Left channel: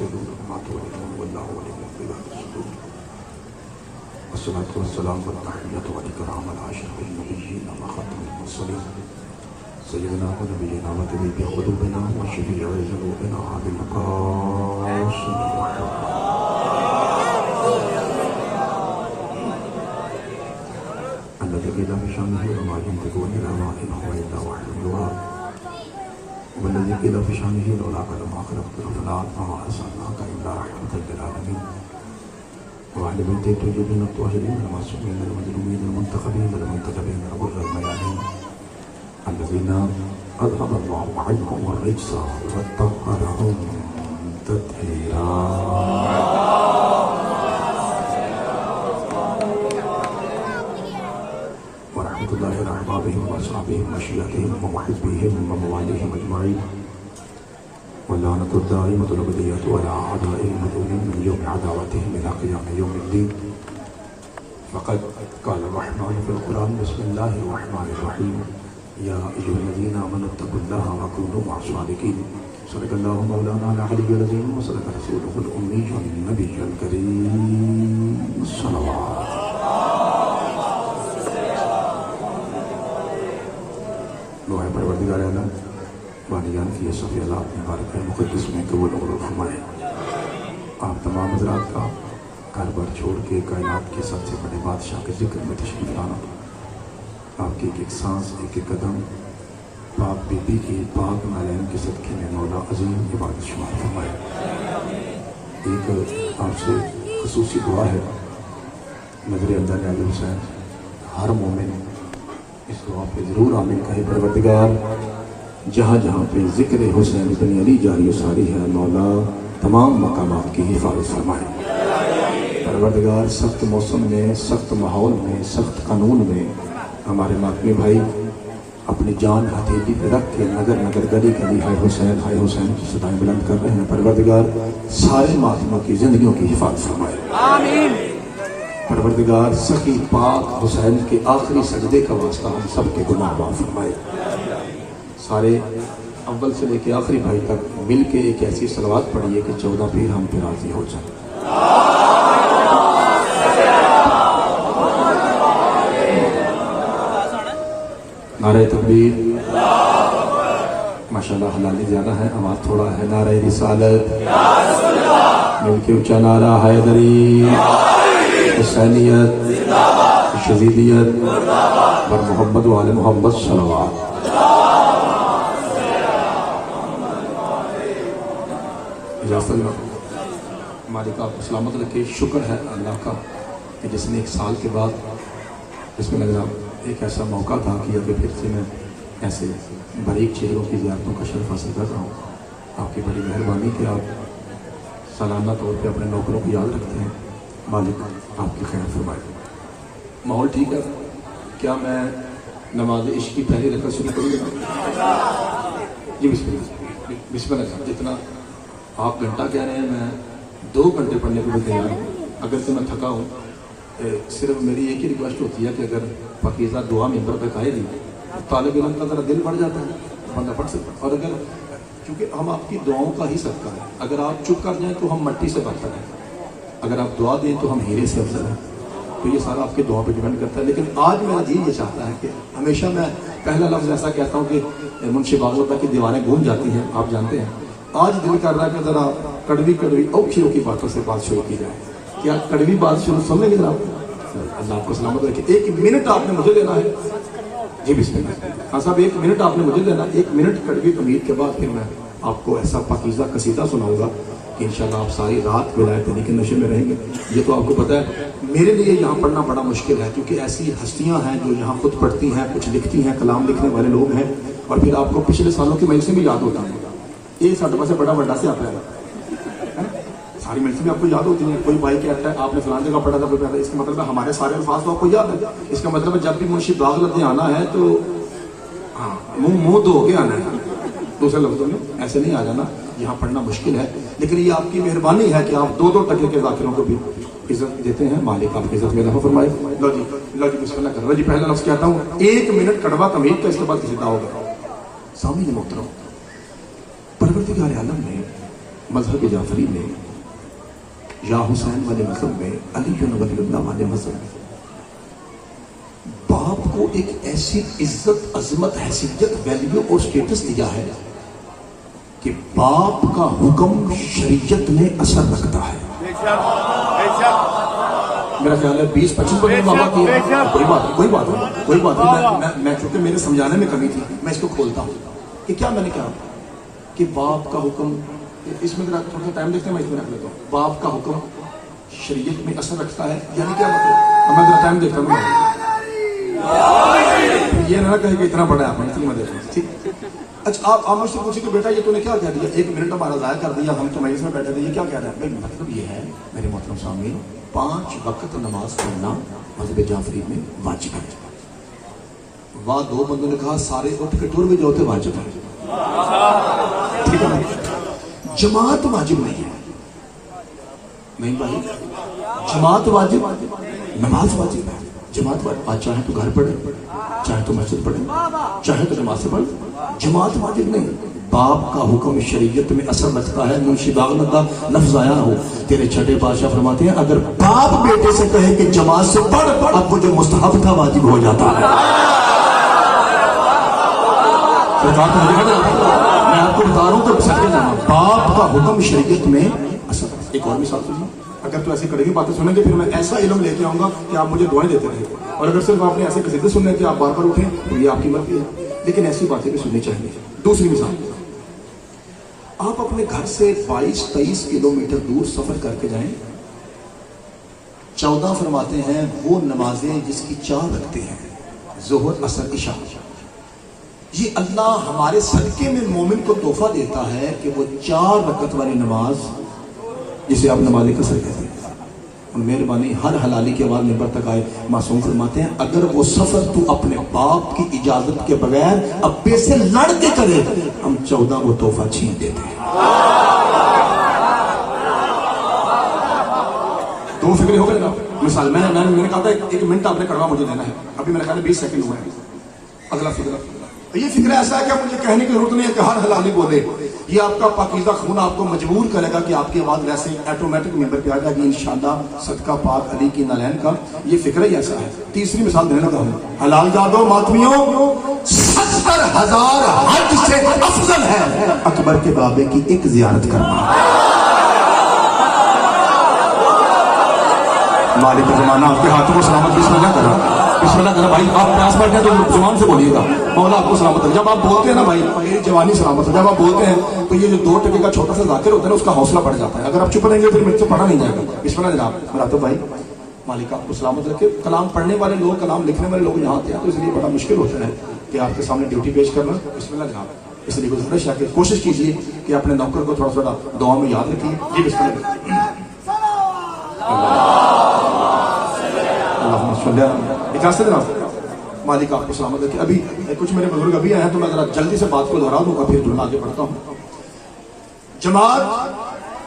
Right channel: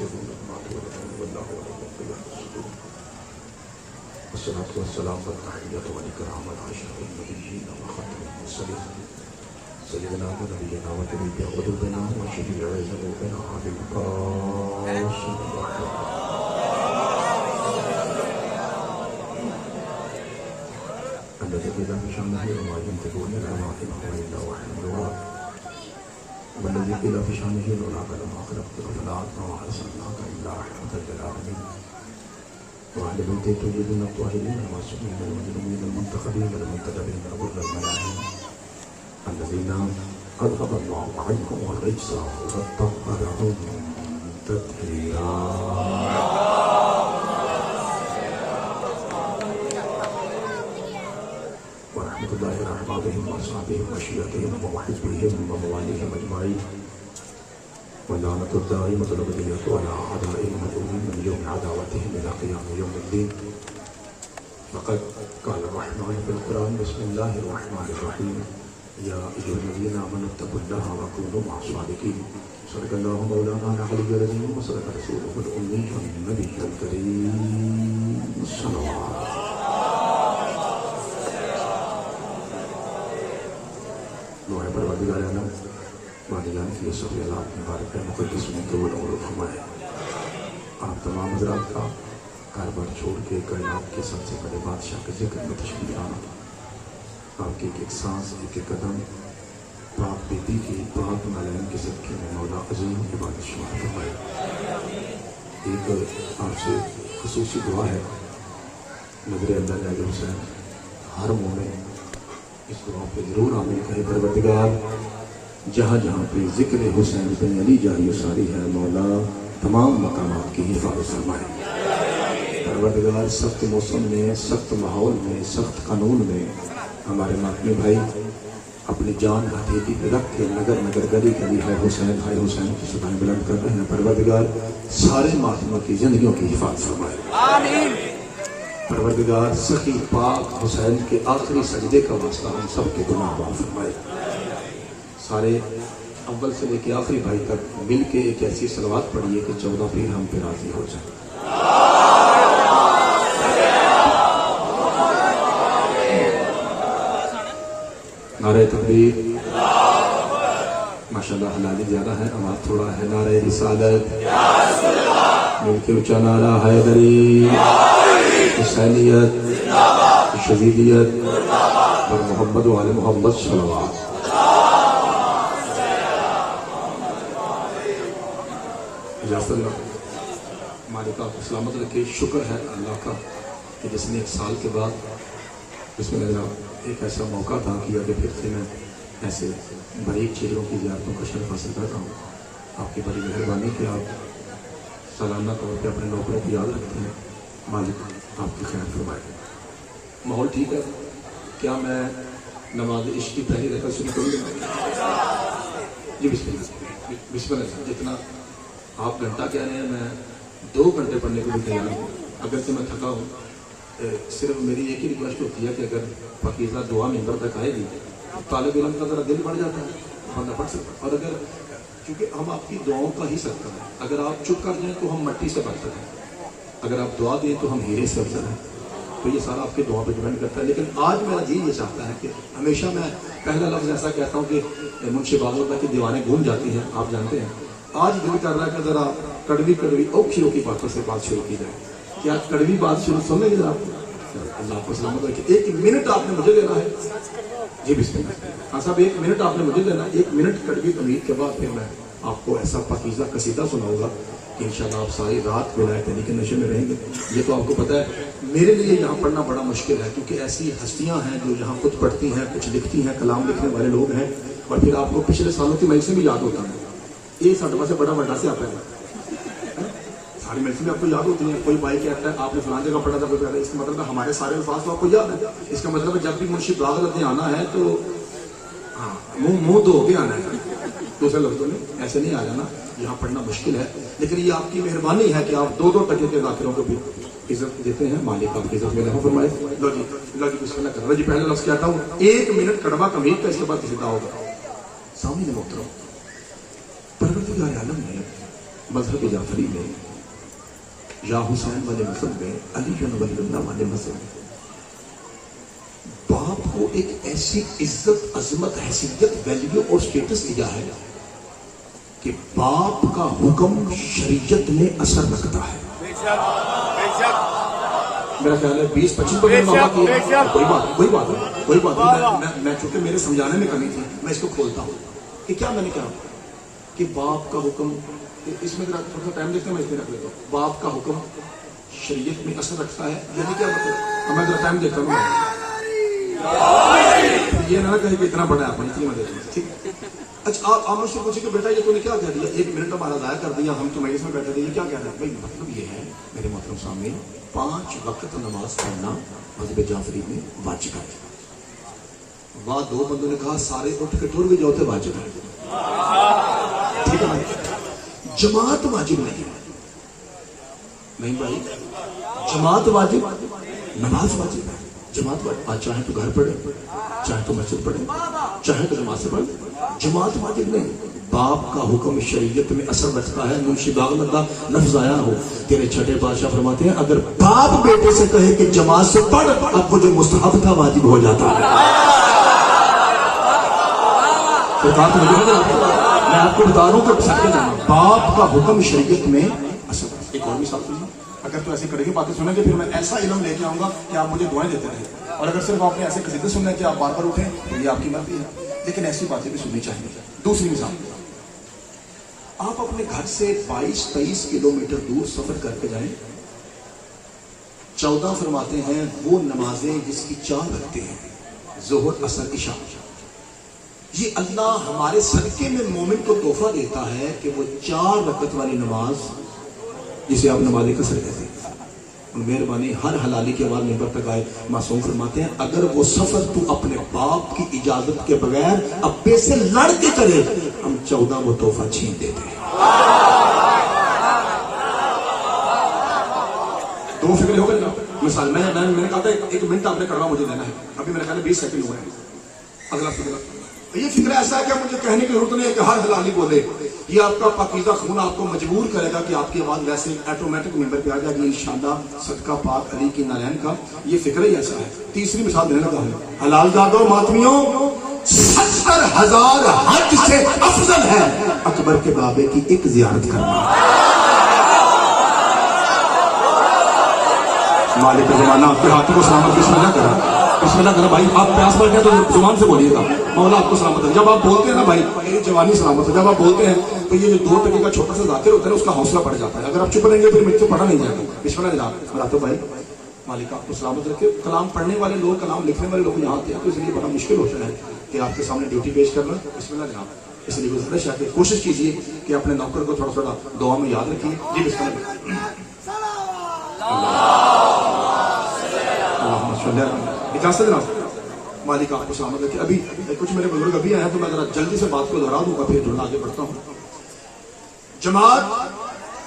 تدرون ما تولدون والله ولي الصدور والصلاة والسلام والتحية والإكرام على أشرف النبيين وخاتم المرسلين سيدنا ونبينا وطبيب قلوبنا وشفيع ذنوبنا أبي القاسم الذي قيل بشأنه وما ينطق عن الهوى إن هو إلا وحي يوحى والذي قيل بشأنه لولا قلم خلقت الأفلاك وما أرسلناك إلا رحمة للعالمين وعلى بنت الطيبين الطاهرين المعصومين المجرمين المنتخبين المنتدبين غر الميامين الذين أذهب الله عنهم الرجس وطهرهم تطهيرا. ورحمة الله إلى أحبابهم وأصحابهم وشيعتهم ومحبيهم ومواليهم أجمعين واللعنة الدائمة الأبدية على أعدائهم المدعوين من يوم عداوتهم إلى قيام يوم الدين. فقد قال الرحمن في القرآن بسم الله الرحمن الرحيم يا أيها الذين آمنوا اتقوا الله وكونوا مع الصادقين. صدق الله مولانا العلي العظيم وصدق رسوله الأمي النبي الكريم صلى الله عليه وسلم. دعا پروردگار عالم والدین کی یہ سب اللہ مبارک مقدس میں قبول اور فرمائے. آپ تمام حضرات کا گھر بار چھوڑ کے کائنات کے سب سے بڑے بادشاہ کے ذکر میں تشریف لانا، آپ کی ایک ایک سانس ایک ایک قدم پاک بیبی کی پاک نالین کے صدقے میں مولا عظیم عبادت شمار فرمائے. ایک آپ سے خصوصی دعا ہے، نظر اللہ علیہ حسین ہر مومن اس دعا پہ ضرور آمین کہے. پروردگار جہاں جہاں پہ ذکر حسین بن علی جاری و ساری ہے مولا تمام مقامات کی حفاظت فرمائے. پروردگار سخت موسم میں، سخت ماحول میں، سخت قانون میں ہمارے ماتمی بھائی اپنی جان ہتھیلی پہ رکھ کے نگر نگر گلی گلی ہے حسین کی صدائیں بلند کر رہے ہیں. پروردگار سارے ماتموں کی زندگیوں کی حفاظت فرمائے. آمین. پروردگار سخی پاک حسین کے آخری سجدے کا واسطہ ہم سب کے گناہ معاف فرمائے. سارے اول سے لے کے آخری بھائی تک مل کے ایک ایسی صلوات پڑھیے کہ 14 پیر ہم پہ راضی ہو جائیں. نعرہ تکبیر. ماشاءاللہ حلالی زیادہ ہے، آواز تھوڑا ہے. نعرہ رسالت مل کے اونچا نعرہ حیدری، حسینیت، شہیدیت اور محمد و آل محمد صلوات. مالک آپ کو سلامت رکھے. شکر ہے اللہ کا کہ جس نے ایک سال کے بعد جس میں میرا ایک ایسا موقع تھا کہ اگر پھر سے میں ایسے باریک چہروں کی زیارتوں کا شرف حاصل کر رہا ہوں. آپ کی بڑی مہربانی کہ آپ سالانہ طور پہ اپنے نوکروں کو یاد رکھتے ہیں. مالک آپ کی خیر فرمائے. ماحول ٹھیک ہے؟ کیا میں نماز عشق کی پہلی رکعت شروع کروں؟ جی بسم اللہ. بسم اللہ. جتنا آپ گھنٹہ کہہ رہے ہیں میں 2 گھنٹے پڑھنے کو بھی تیار ہوں. اگر سے میں تھکا ہوں، صرف میری ایک ہی ریکویسٹ ہوتی ہے کہ اگر پاکیزہ دعا ممبر تک آئے گی طالب علم کا ذرا دل بڑھ جاتا ہے، بندہ پڑھ سکتا. اور اگر کیونکہ ہم آپ کی دعاؤں کا ہی صدقہ ہے، اگر آپ چپ کر جائیں تو ہم مٹی سے برتر ہیں، اگر آپ دعا دیں تو ہم ہیرے سے افضل ہیں. تو یہ سارا آپ کی دعا پہ ڈیپینڈ کرتا ہے. لیکن آج میرا دل یہ چاہتا ہے کہ ہمیشہ میں پہلا لفظ ایسا کہتا ہوں کہ منشی باغوتہ کی دیواریں گھوم جاتی ہیں، آپ جانتے ہیں. آج دل کر رہا ہے کہ ذرا کڑوی اوکھی اوکھی باتوں سے بات شروع کی جائے. کیا کڑوی بات شروع سن لیں گے ذرا؟ اللہ آپ کو سلامت رکھے. 1 منٹ آپ نے مجھے دینا ہے. جی بسم اللہ. ہاں صاحب 1 منٹ آپ نے مجھے دینا. 1 منٹ کڑوی امید کے بعد پھر میں آپ کو ایسا پاکیزہ قصیدہ سناؤں گا کہ انشاءاللہ آپ ساری رات ولایت علی کے نشے میں رہیں گے. یہ تو آپ کو پتہ ہے میرے لیے یہاں پڑھنا بڑا مشکل ہے کیونکہ ایسی ہستیاں ہیں جو یہاں خود پڑھتی ہیں، کچھ لکھتی ہیں، کلام لکھنے والے لوگ ہیں، اور پھر آپ کو پچھلے سالوں کی مجلسیں بھی یاد ہوتا ہے. یہ ساڈے پاس بڑا بڑا سے آتا ہے. ساری مجلسیں بھی آپ کو یاد ہوتی ہیں. کوئی بھائی کہتا ہے آپ نے فلان جگہ پڑھا تھا، کوئی پہلے. اس کا مطلب ہے ہمارے سارے الفاظ تو آپ کو یاد ہے. اس کا مطلب ہے جب بھی منشی باغ لدھے آنا ہے تو ہاں منہ دھو کے آنا ہے. دوسرے لفظوں میں ایسے نہیں آ جانا. یہاں پڑھنا مشکل ہے لیکن یہ آپ کی مہربانی ہے کہ آپ 2 ٹکے کے ذاکروں کو بھی عزت دیتے ہیں. مالک آپ کی عزت میں رحم فرمائے. لو جی بسم اللہ کر. جی پہلا لفظ کہتا ہوں 1 منٹ کڑوا کمید کا، اس کے بعد کسی کا ہوگا. سامنے محترم پروردگار عالم نے मजहब जाफरी में या हुसैन वाले मजहब में, अली वलीउल्लाह वाले मजहब में बाप को एक ऐसी इज्जत, अजमत, हैसियत, वैल्यू और स्टेटस दिया है कि बाप का हुक्म शरीयत में असर रखता है। मेरा ख्याल है 20-25 कोई बात नहीं, मैं चूंकि मेरे समझाने में कमी थी, मैं इसको खोलता हूँ कि क्या मैंने कहा कि बाप का हुक्म, इसमें थोड़ा टाइम देखते हैं, मैं इसमें रख लेता हूँ। बाप का हुक्म शरीयत में असर रखता है, यानी क्या मतलब? मैं जरा टाइम देखता हूँ, ये ना कहे कि इतना बड़ा है, मैं देखता हूँ, ठीक। अच्छा, आप मुझसे पूछे कि बेटा ये तूने क्या कह दिया, 1 मिनट हमारा ज़ाया कर दिया, हम तो मजलिस में बैठे थे, ये क्या कह रहा है? भाई मतलब ये है मेरे मोहतरम सामने 5 वक्त नमाज पढ़ना मज़हब जाफरी में वाजिब है। वहाँ 2 बंदों ने कहा सारे उठ के टूर भी जो होते वाजिब है, ठीक है ना? जमात वाजिब नहीं है, नहीं भाई, जमात वाजिब, नमाज वाजिब है, जमात वाजिब। चाहे तो घर पढ़े, चाहे तो मस्जिद पढ़े, चाहे तो जमात से पढ़े, जमात वाजिब नहीं। बाप का हुक्म शरीयत में असर रखता है। मुंशी बागल का लफ्ज आया हो, तेरे छठे बादशाह फरमाते हैं अगर बाप बेटे से कहे कि जमात से पढ़, अब वो जो मुस्तहब था वाजिब हो जाता है। तो मैं आपको बता रहा हूं तो सच में जाना, बाप का हुक्म शरीयत में असर। एक और मिसाल कीजिए, अगर तो ऐसी कड़वी बातें सुनेंगे फिर मैं ऐसा इल्म लेके आऊंगा कि आप मुझे दुआएं देते रहे, और अगर सिर्फ आपने ऐसे कसीदे सुनने कि आप बार बार उठें तो ये आपकी मर्जी है, लेकिन ऐसी बातें भी सुननी चाहिए। दूसरी मिसाल, आप अपने घर से 22-23 किलोमीटर दूर सफर करके जाएं, 14 फरमाते हैं वो नमाजें जिसकी 4 रखते हैं, ज़ोहर, असर, इशा। ये अल्लाह हमारे सदके में मोमिन को तोहफा देता है कि वो 4 रकत वाली नमाज, जिसे आप नमाज कसर कहते हैं, मेहरबानी हर हलाली के बाद मिंबर तक आए, मासूम फरमाते हैं अगर वो सफर तू अपने बाप की इजाजत के बगैर अब्बे से लड़ के करे, हम 14 वो तोहफा छीन देते हैं। 2 फिक्र हो गए ना। मिसाल मैंने कहा था 1 मिनट आपने कड़वा मुझे देना है, अभी मेरे ख्याल में 20 सेकंड हुआ है। अगला फिक्र, तो ये फिक्र ऐसा है कि मुझे कहने की जरूरत नहीं है कि हर हलाली बोले, ये आपका पाकीज़ा खून आपको मजबूर करेगा कि आपकी आवाज वैसे ऑटोमेटिक नंबर पे आ जाएगी इंशाअल्लाह, सदका पाक अली की नालैन का। ये फिक्र ही ऐसा है। तीसरी मिसाल देने लगा हूं, हलाल जादो मातमियों 70,000 हज से अफजल है अकबर के बाबे की एक जियारत करना। मालिक का जमाना आपके हाथों को सलामत बिस्मिल्लाह करो, बिस्मिल्लाह करो भाई। आप प्यास बैठे हैं तो जुबान से बोलिएगा मौला आपको सलामत है। जब आप बोलते हैं ना भाई मेरी जवानी सलामत है, जब आप बोलते हैं तो ये जो 2 टके का छोटा सा जाकिर होता है ना उसका हौसला बढ़ जाता है। अगर आप चुप रहेंगे फिर मुझसे पढ़ा नहीं जाएगा। बिस्मिल्लाह जनाब, मुराद भाई, मालिक आपको सलामत रखे। कलाम पढ़ने वाले लोग, कलाम लिखने वाले लोग यहाँ आते हैं तो इसलिए बड़ा मुश्किल होता है कि आपके सामने ड्यूटी पेश करना। बिस्मिल्लाह जनाब, इसलिए गुजारिश है कि कोशिश कीजिए कि अपने नौकर को थोड़ा थोड़ा दुआ में याद रखिए। जी बिस्मिल्लाह। मालिक आपको सलामत रखे। अभी कुछ मेरे बुजुर्ग अभी आए हैं तो मैं जरा जल्दी से बात को दोहरा दूंगा, फिर जो आगे बढ़ता हूं। जमात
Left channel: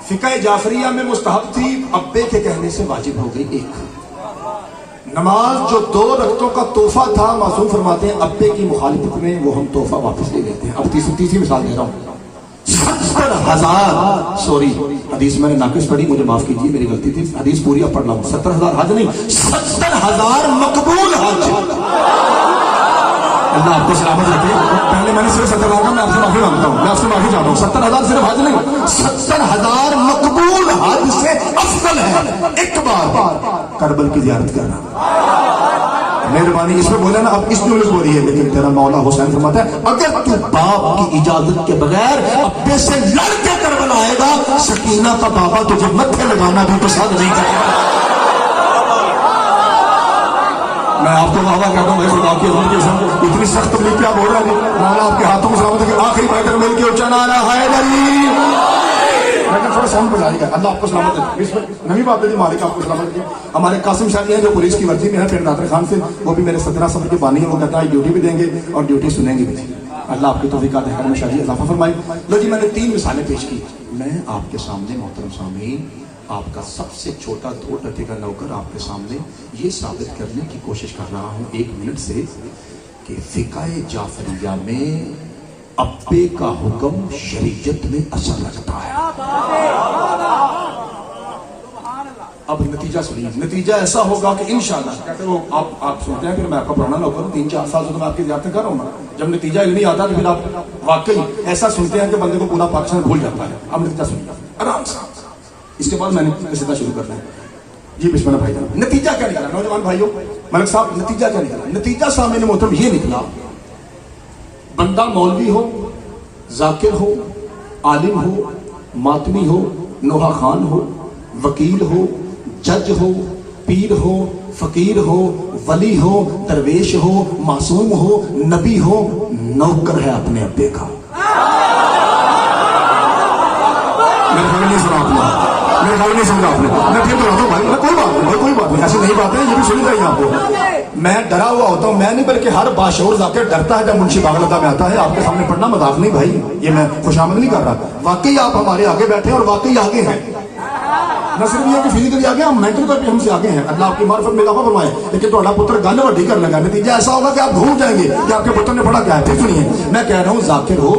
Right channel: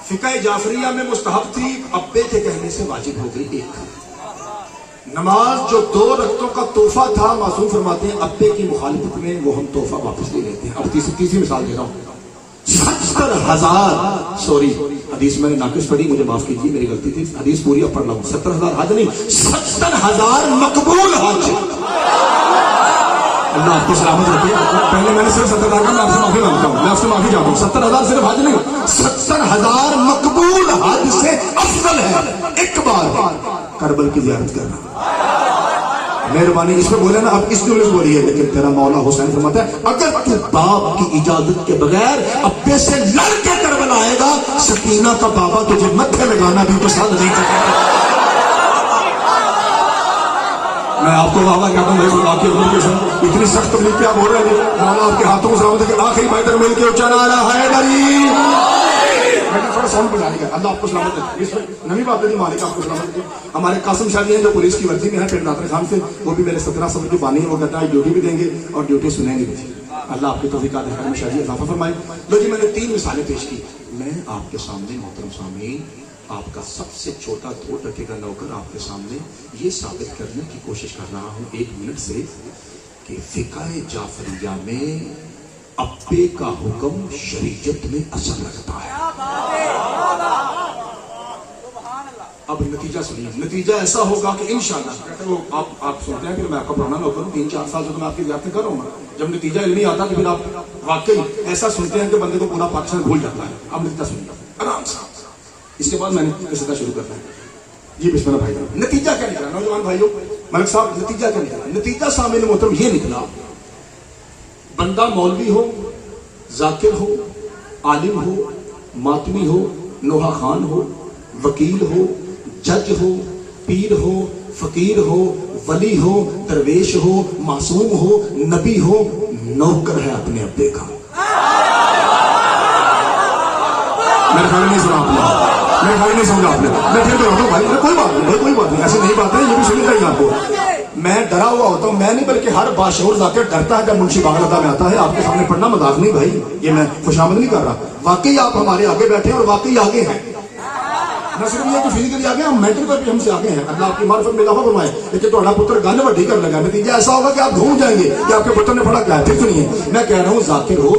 फिक़ह जाफरिया में मुस्तहब थी, अब्बे के कहने से वाजिब हो गई। 1 नमाज जो 2 रकतों का तोहफा था, मासूम फरमाते हैं अब्बे की मुखालिफत में वो हम तोहफा वापस ले लेते हैं। अब तीसरी मिसाल दे रहा हूं, 70,000 सॉरी हदीस मैंने नाकिस पढ़ी, मुझे माफ कीजिए मेरी गलती थी। हदीस पूरी अब पढ़ रहा हूं। 70,000 हज नहीं, 70,000 मकबूल हज। अल्लाह आपकी सलामत रखिए। पहले मैंने सिर्फ 70,000 का, मैं आपसे माफी मांगता हूँ, मैं आपसे माफी चाहता हूँ। 70,000 सिर्फ हज नहीं, 70,000 मकबूल हज से अफजल है एक बार करबल की जियारत करना। मेहरबानी इसमें बोले ना, अब इस जुमले बोली है, लेकिन तेरा मौला हुसैन फरमाता है अगर तू बाप की इजाजत के बगैर अब्बे से लड़ के करबल आएगा, सकीना का बाबा तुझे मत्थे लगाना भी पसंद नहीं करेगा। मैं आपको वादा करता हूँ खुदा की उम्र के साथ इतनी सख्त तकलीफ क्या बोल रहा है, मौला आपके हाथों में सलामत है। आखिरी बैठक मिलकर ऊंचा नारा हैदरी, थोड़ा साउंड बजाएगा। अल्लाह आपको सलामत है। नवी बात है, मालिक आपको सलामत है। हमारे कासिम शाह हैं जो पुलिस की वर्दी में है पिंड नादर खान से, वो भी मेरे 17 सफर के बानी है। वो कहता है ड्यूटी भी देंगे और ड्यूटी सुनेंगे भी। अल्लाह आपकी तौफीक अता फरमाए, शादी इजाफा फरमाए। लो जी, मैंने 3 मिसालें पेश की। मैं आपके सामने मोहतरम सामीन, आपका सबसे छोटा 2 टके का नौकर आपके सामने ये साबित करने की कोशिश कर रहा हूं 1 मिनट से कि फिक़ह जाफरिया में अब्बे का हुक्म शरीयत में असर लगता है। अब नतीजा सुनिए, नतीजा ऐसा होगा कि इंशाअल्लाह, कहते वो आप सुनते हैं कि मैं आपका पुराना नौकर हूं, 3-4 साल से तो मैं आपकी ज़ियारतें कर रहा हूं ना। जब नतीजा इल्मी आता तो फिर आप वाकई ऐसा सुनते हैं कि बंदे को पूरा पाकिस्तान भूल जाता है। अब नतीजा सुनिए आराम से, इसके बाद मैंने सीधा शुरू करना है। जी बिस्मिल्लाह भाई, नतीजा क्या निकला नौजवान भाइयों, मलिक साहब, नतीजा क्या निकला? नतीजा सामने मोहतरम ये निकला, बंदा मौलवी हो, जाकिर हो, आलिम हो, मातमी हो, नोहा खान हो, वकील हो, जज हो, पीर हो, फकीर हो, वली हो, दरवेश हो, मासूम हो, नबी हो, नौकर है अपने अब्बे का। मेरे घर नहीं सुना आपने, मेरे घर नहीं सुना आपने, मैं फिर कोई बात नहीं, ऐसे नहीं जाते, ये भी सुनी चाहिए आपको। मैं डरा हुआ होता हूँ, मैं नहीं बल्कि हर बाशऊर जाकर डरता है जब मुंशी बागलता में आता है। आपके सामने पढ़ना मजाक नहीं भाई, ये मैं खुशामद नहीं कर रहा, वाकई आप हमारे आगे बैठे हैं और वाकई आगे हैं। न सिर्फ ये कि फिजिकली आगे, हम मेंटल तौर पे हमसे आगे हैं। अल्लाह आपकी मार्फत में इजाफा फरमाए। लेकिन तो अल्लाह पुत्र गल वड्डी कर लगा, नतीजा ऐसा होगा कि आप भूल जाएंगे कि आपके पुत्र ने पढ़ा क्या है। फिर सुनिए, मैं कह रहा हूँ जाकिर हो,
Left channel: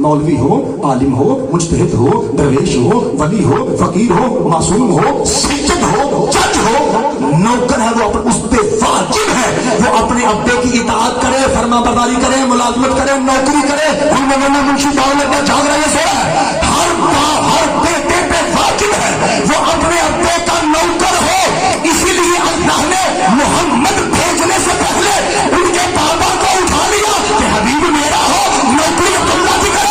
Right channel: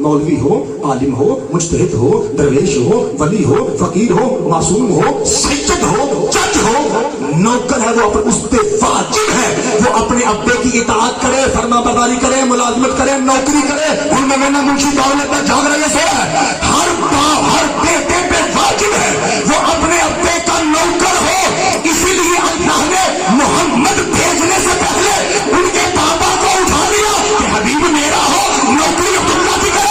मौलवी हो, आलिम हो, मुज्तहिद हो, दरवेश हो, वली हो, फकीर हो, मासूम हो, सज्जद हो, जज हो, नौकर है वो उस पे वाजिब है वो अपने अब्बे की इताअत करे, फरमाबरदारी करे, मुलाजमत करे, नौकरी करे। हम मुंशी बागलता जाग रहे से हर बेटे पे वाजिब है वो अपने अब्बे का नौकर हो। इसीलिए अल्लाह ने मोहम्मद भेजने से पहले उनके बाबा को उठा लिया कि हबीब मेरा हो, नौकरी अब्दुल्ला की करे।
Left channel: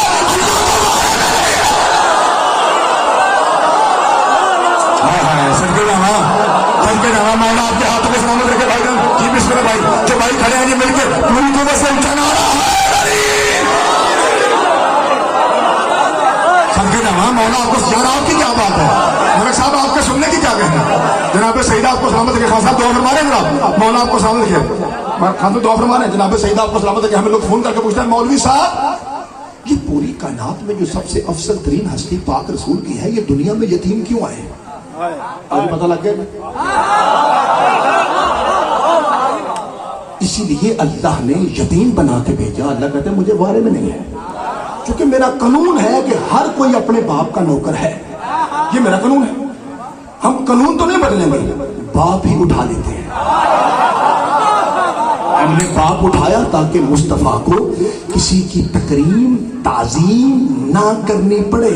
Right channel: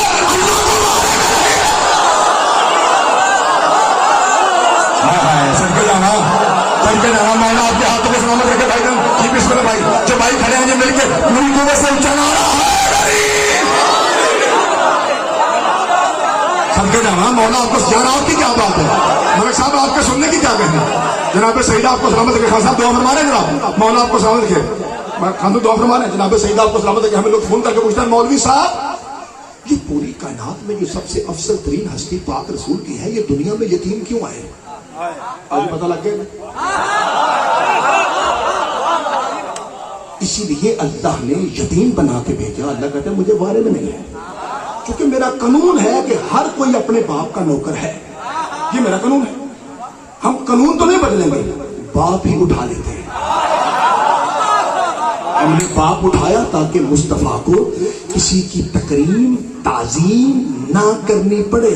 मैंने आपके हाथ में सामने करके भाई ये बिस्मिल्लाह भाई, जो भाई खड़े हैं मिलकर मुल्कों में से चला समझे ना। मौला आपको जनाब की क्या बात है, मलिक साहब आपके सुनने की क्या कहना है। जनाब सईदा आपको सलामत रखे, खान साहब दुआ फरमाने जनाब, मौला आपको सलामत रखे, खान तो दुआ फरमाने जनाब सईदा आपको सलामत रखे। हमें लोग फोन करके पूछते हैं मौलवी साहब ये पूरी कायनात में जो सबसे अफसल तरीन हस्ती पाक रसूल की है, ये दुनिया में यतीम क्यों आए? पता लग गया। इसीलिए अल्लाह ने यतीम बना के भेजा। अल्लाह कहते मुझे बारे में नहीं है, क्योंकि मेरा कानून है कि हर कोई अपने बाप का नौकर है। ये मेरा कानून है। हम कानून तो नहीं बदलेंगे, बाप ही उठा लेते हैं। हमने बाप उठाया ताकि मुस्तफा को किसी की तकरीम ताजीम ना करनी पड़े।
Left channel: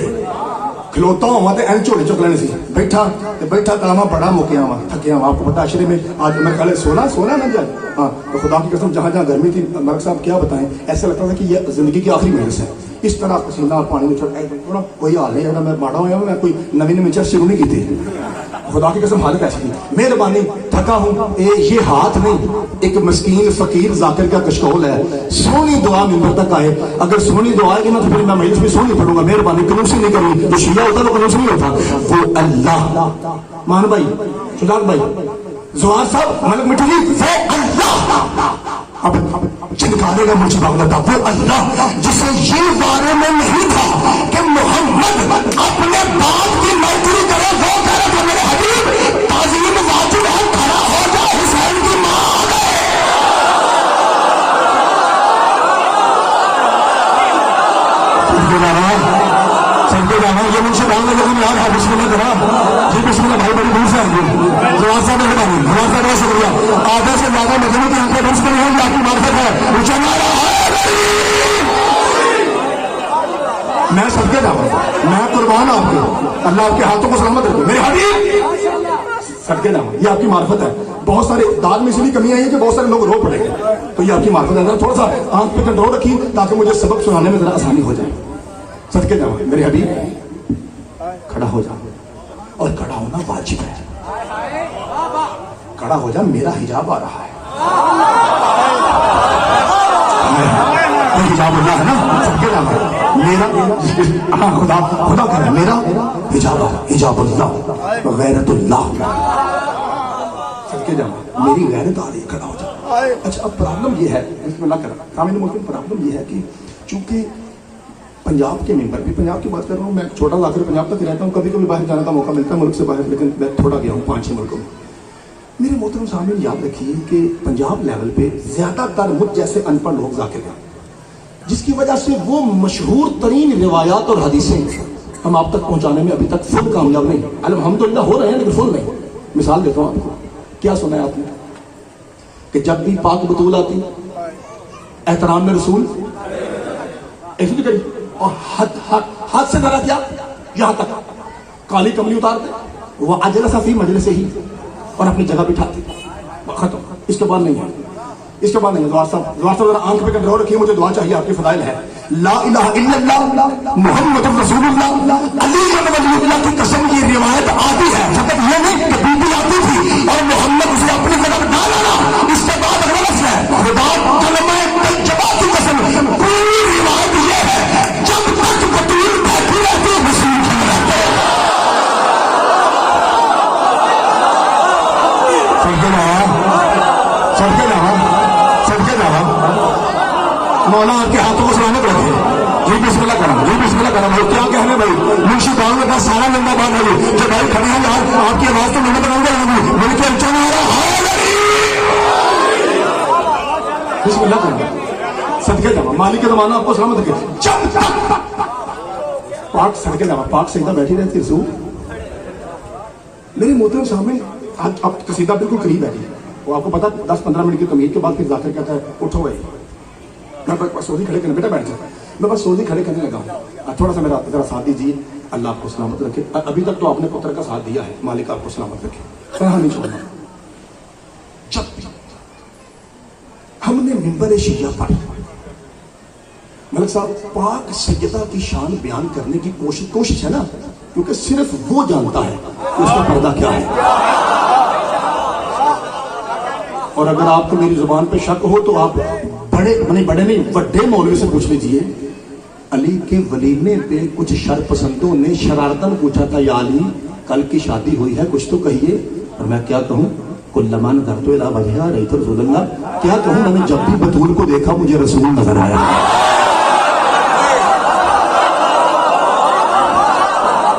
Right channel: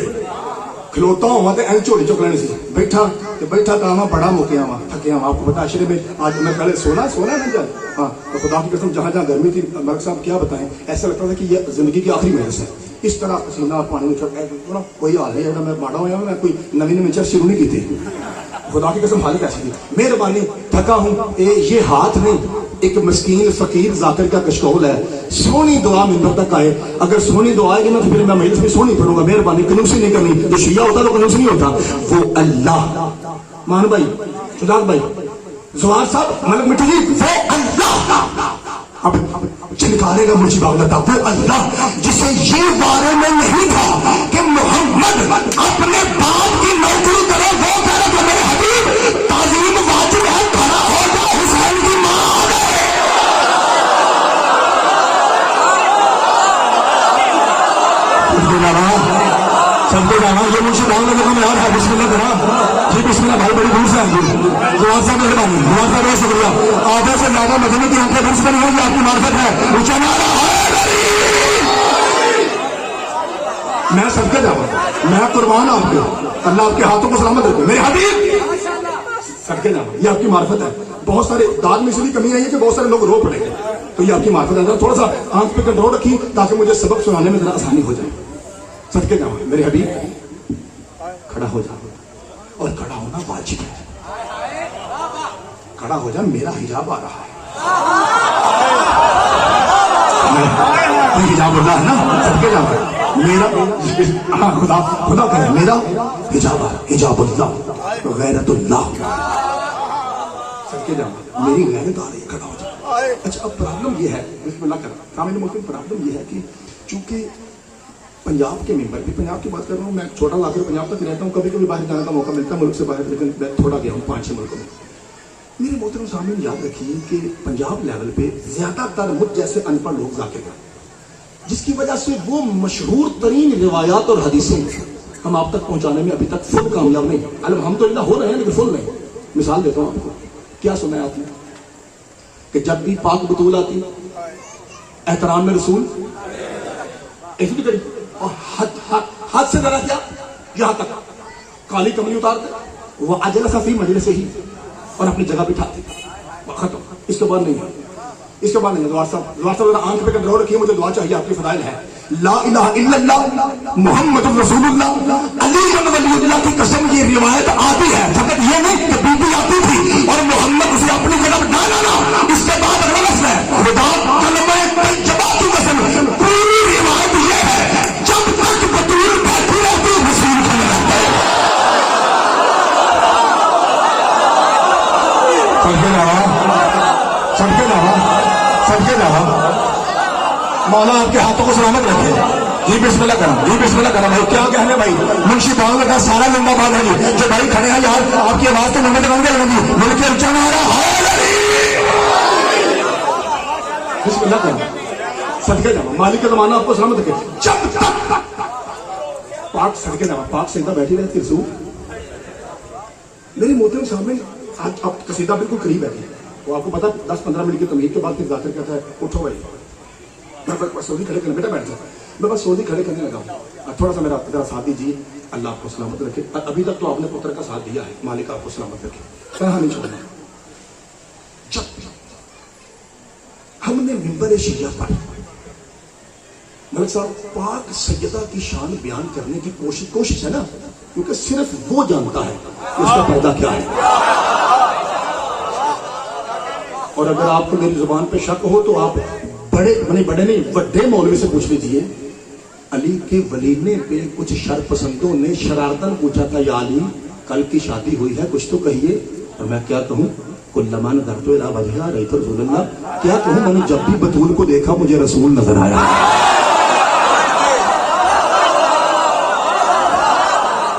खिलौता हुआ तो एन झोले चुक लेने से बैठा तावा बड़ा मुकिया हुआ थकिया हुआ। आपको पता अशरे में आज मैं कल सोना ना जाए। हाँ तो खुदा की कसम जहाँ जहाँ गर्मी थी मलिक साहब क्या बताएं, ऐसा लगता था कि ये जिंदगी की आखिरी महज है। इस तरह पसीना पानी में छोड़ा कोई हाल नहीं है। मैं माड़ा हुआ मैं कोई नवी चर्च शुरू नहीं की थी। खुदा की कसम हालत ऐसी थी, मेहरबानी थका हूँ। ये हाथ नहीं, एक मस्कीन फकीर जाकिर का कशकोल है। सोनी दुआ मिंबर तक आए, अगर सोनी दुआ आएगी ना तो फिर मैं मजलिस में सोनी पढ़ूंगा। मेहरबानी कनूसी नहीं करनी, जो शिया होता है वो कनूसी नहीं होता। वो अल्लाह मान भाई खुदा भाई जवान साहब मलक मिट्टी जी वो अल्लाह अब चिनकारेगा मुझे बागलता। वो अल्लाह जिसे ये बारे में नहीं था कि मोहम्मद अपने बाप की नौकरी करे, वो करे कि मेरे हबीब ताज़ीम वाजिब है, खड़ा हो जाए हुसैन की मां। चलते जाना ये मुझसे भाई लेकिन यार हाँ बिस्मिल्लाह करा, ये बिस्मिल्लाह भाई बड़ी दूर से आएंगे। जवाब साहब ने बहुत बहुत शुक्रिया। आधा से ज्यादा मदनी की आंखें दूर से नहीं है, आपकी मार्फत है ऊंचा। मैं सबके नाम मैं कुर्बान आपको, अल्लाह आपके हाथों को सलामत रखे मेरे हबीब। सबके नाम ये आपकी मार्फत है। बहुत सारे दाद में इसलिए कमी आई है कि बहुत सारे लोग रो पड़ेंगे, तो ये आपकी मार्फत है। थोड़ा सा आंख पे कंट्रोल रखिए ताकि मुझे सबक सुनाने में जरा आसानी हो जाए। सदके जाओ मेरे हबीब, खड़ा हो जाओ और खड़ा होना वाजिब है। खड़ा हो जा, मेरा हिजाब आ रहा है। हिजाब हो गया है ना, सबके जाओ मेरा हाँ खुदा कह मेरा हिजाब गैरतुल्लाह। सबके जाओ मेरी गैरत आ रही है, खड़ा हो जाओ। अच्छा अब प्रॉब्लम ये है, बिस्मिल्लाह कर सामने मुल्क में प्रॉब्लम ये है कि चूंकि पंजाब के मेंबर भी, पंजाब की बात कर रहा हूँ मैं, छोटा लाकर पंजाब तक रहता हूँ, कभी कभी बाहर जाने का मौका मिलता है मुल्क से बाहर, लेकिन मैं थोड़ा गया हूँ 5-6 मुल्कों में। मेरे मोहतरम सामने याद रखिए कि पंजाब लेवल पे ज्यादातर मुझ जैसे अनपढ़ लोग जाके गए। جس کی وجہ سے وہ مشہور ترین روایات اور حدیثیں ہم آپ تک پہنچانے میں ابھی تک فل کامیاب نہیں. الحمدللہ ہو رہے ہیں لیکن فل نہیں. مثال دیتا ہوں آپ کو. کیا سنا ہے آپ نے کہ جب بھی پاک بطول آتی احترام میں رسول ایسی بھی کری اور حد سے ذرا کیا یہاں تک کالی کملی اتارتے وہ اجلس فی مجلس ہی اور اپنی جگہ بٹھاتے. ختم. اس کے بعد نہیں ہے. اس کے بعد نہیں. دعا صاحب آنکھ پہ کنٹرول رکھیے. مجھے دعا چاہیے. آپ کی فضائل ہے لا الہ الا اللہ محمد رسول اللہ علی ولی اللہ کی قسم. کی روایت آتی ہے فقط یہ نہیں کہ بی بی آتی تھی اور محمد اسے اپنی جگہ ڈالا. اس کے بعد غلط ہے. خدا کا نمبر ایک جواب کی قسم. پوری روایت یہ ہے جب تک بطول بیٹھی رہتی رسول مولا آپ کے ہاتھوں کو سلانے پڑتے ہیں. جی بسم اللہ کرم. جی بسم اللہ کرم. بھائی کیا کہنے بھائی منشی کام کا سارا نندا بات ہے جو بھائی کھڑے ہیں یار آپ کی آواز تو نندا بن گئی ہوگی. مل کے اچھا بسم اللہ کرم. صدقے جاوا مالک کے زمانہ آپ کو سلامت رکھے. پاک صدقے جاوا پاک سیدہ بیٹھی رہتی رسول. میری محترم سامنے اب قصیدہ بالکل قریب بیٹھی ہے. وہ آپ کو پتا 10-15 منٹ کی تمہید کے بعد پھر ذاکر کہتا ہے اٹھو بھائی. میں بس سعودی کھڑے کرنے بیٹا بیٹھ جاتا. میں بس سعودی کھڑے کرنے لگا. تھوڑا سا میرا ذرا ساتھ دیجیے. اللہ آپ کو سلامت رکھے. ابھی تک تو آپ نے پتر کا ساتھ دیا ہے. مالک آپ کو سلامت رکھے. کہاں نہیں چھوڑنا. جب بھی ہم نے منبر شیعہ پر ملک صاحب پاک سیدہ کی شان بیان کرنے کی کوشش ہے نا کیونکہ صرف وہ جانتا ہے اس کا پردہ کیا ہے. اور اگر آپ کو میری زبان پہ شک ہو تو آپ بڑے مولوی سے پوچھ لیجیے. علی کے ولیمے پہ کچھ شر پسندوں نے شرارتن پوچھا تھا یا علی کل کی شادی ہوئی ہے کچھ تو کہیے. اور میں کیا کہوں کلمان درد الی وجہ رأیت رسول اللہ. کیا کہوں میں نے جب بھی بطول کو دیکھا مجھے رسول نظر آیا.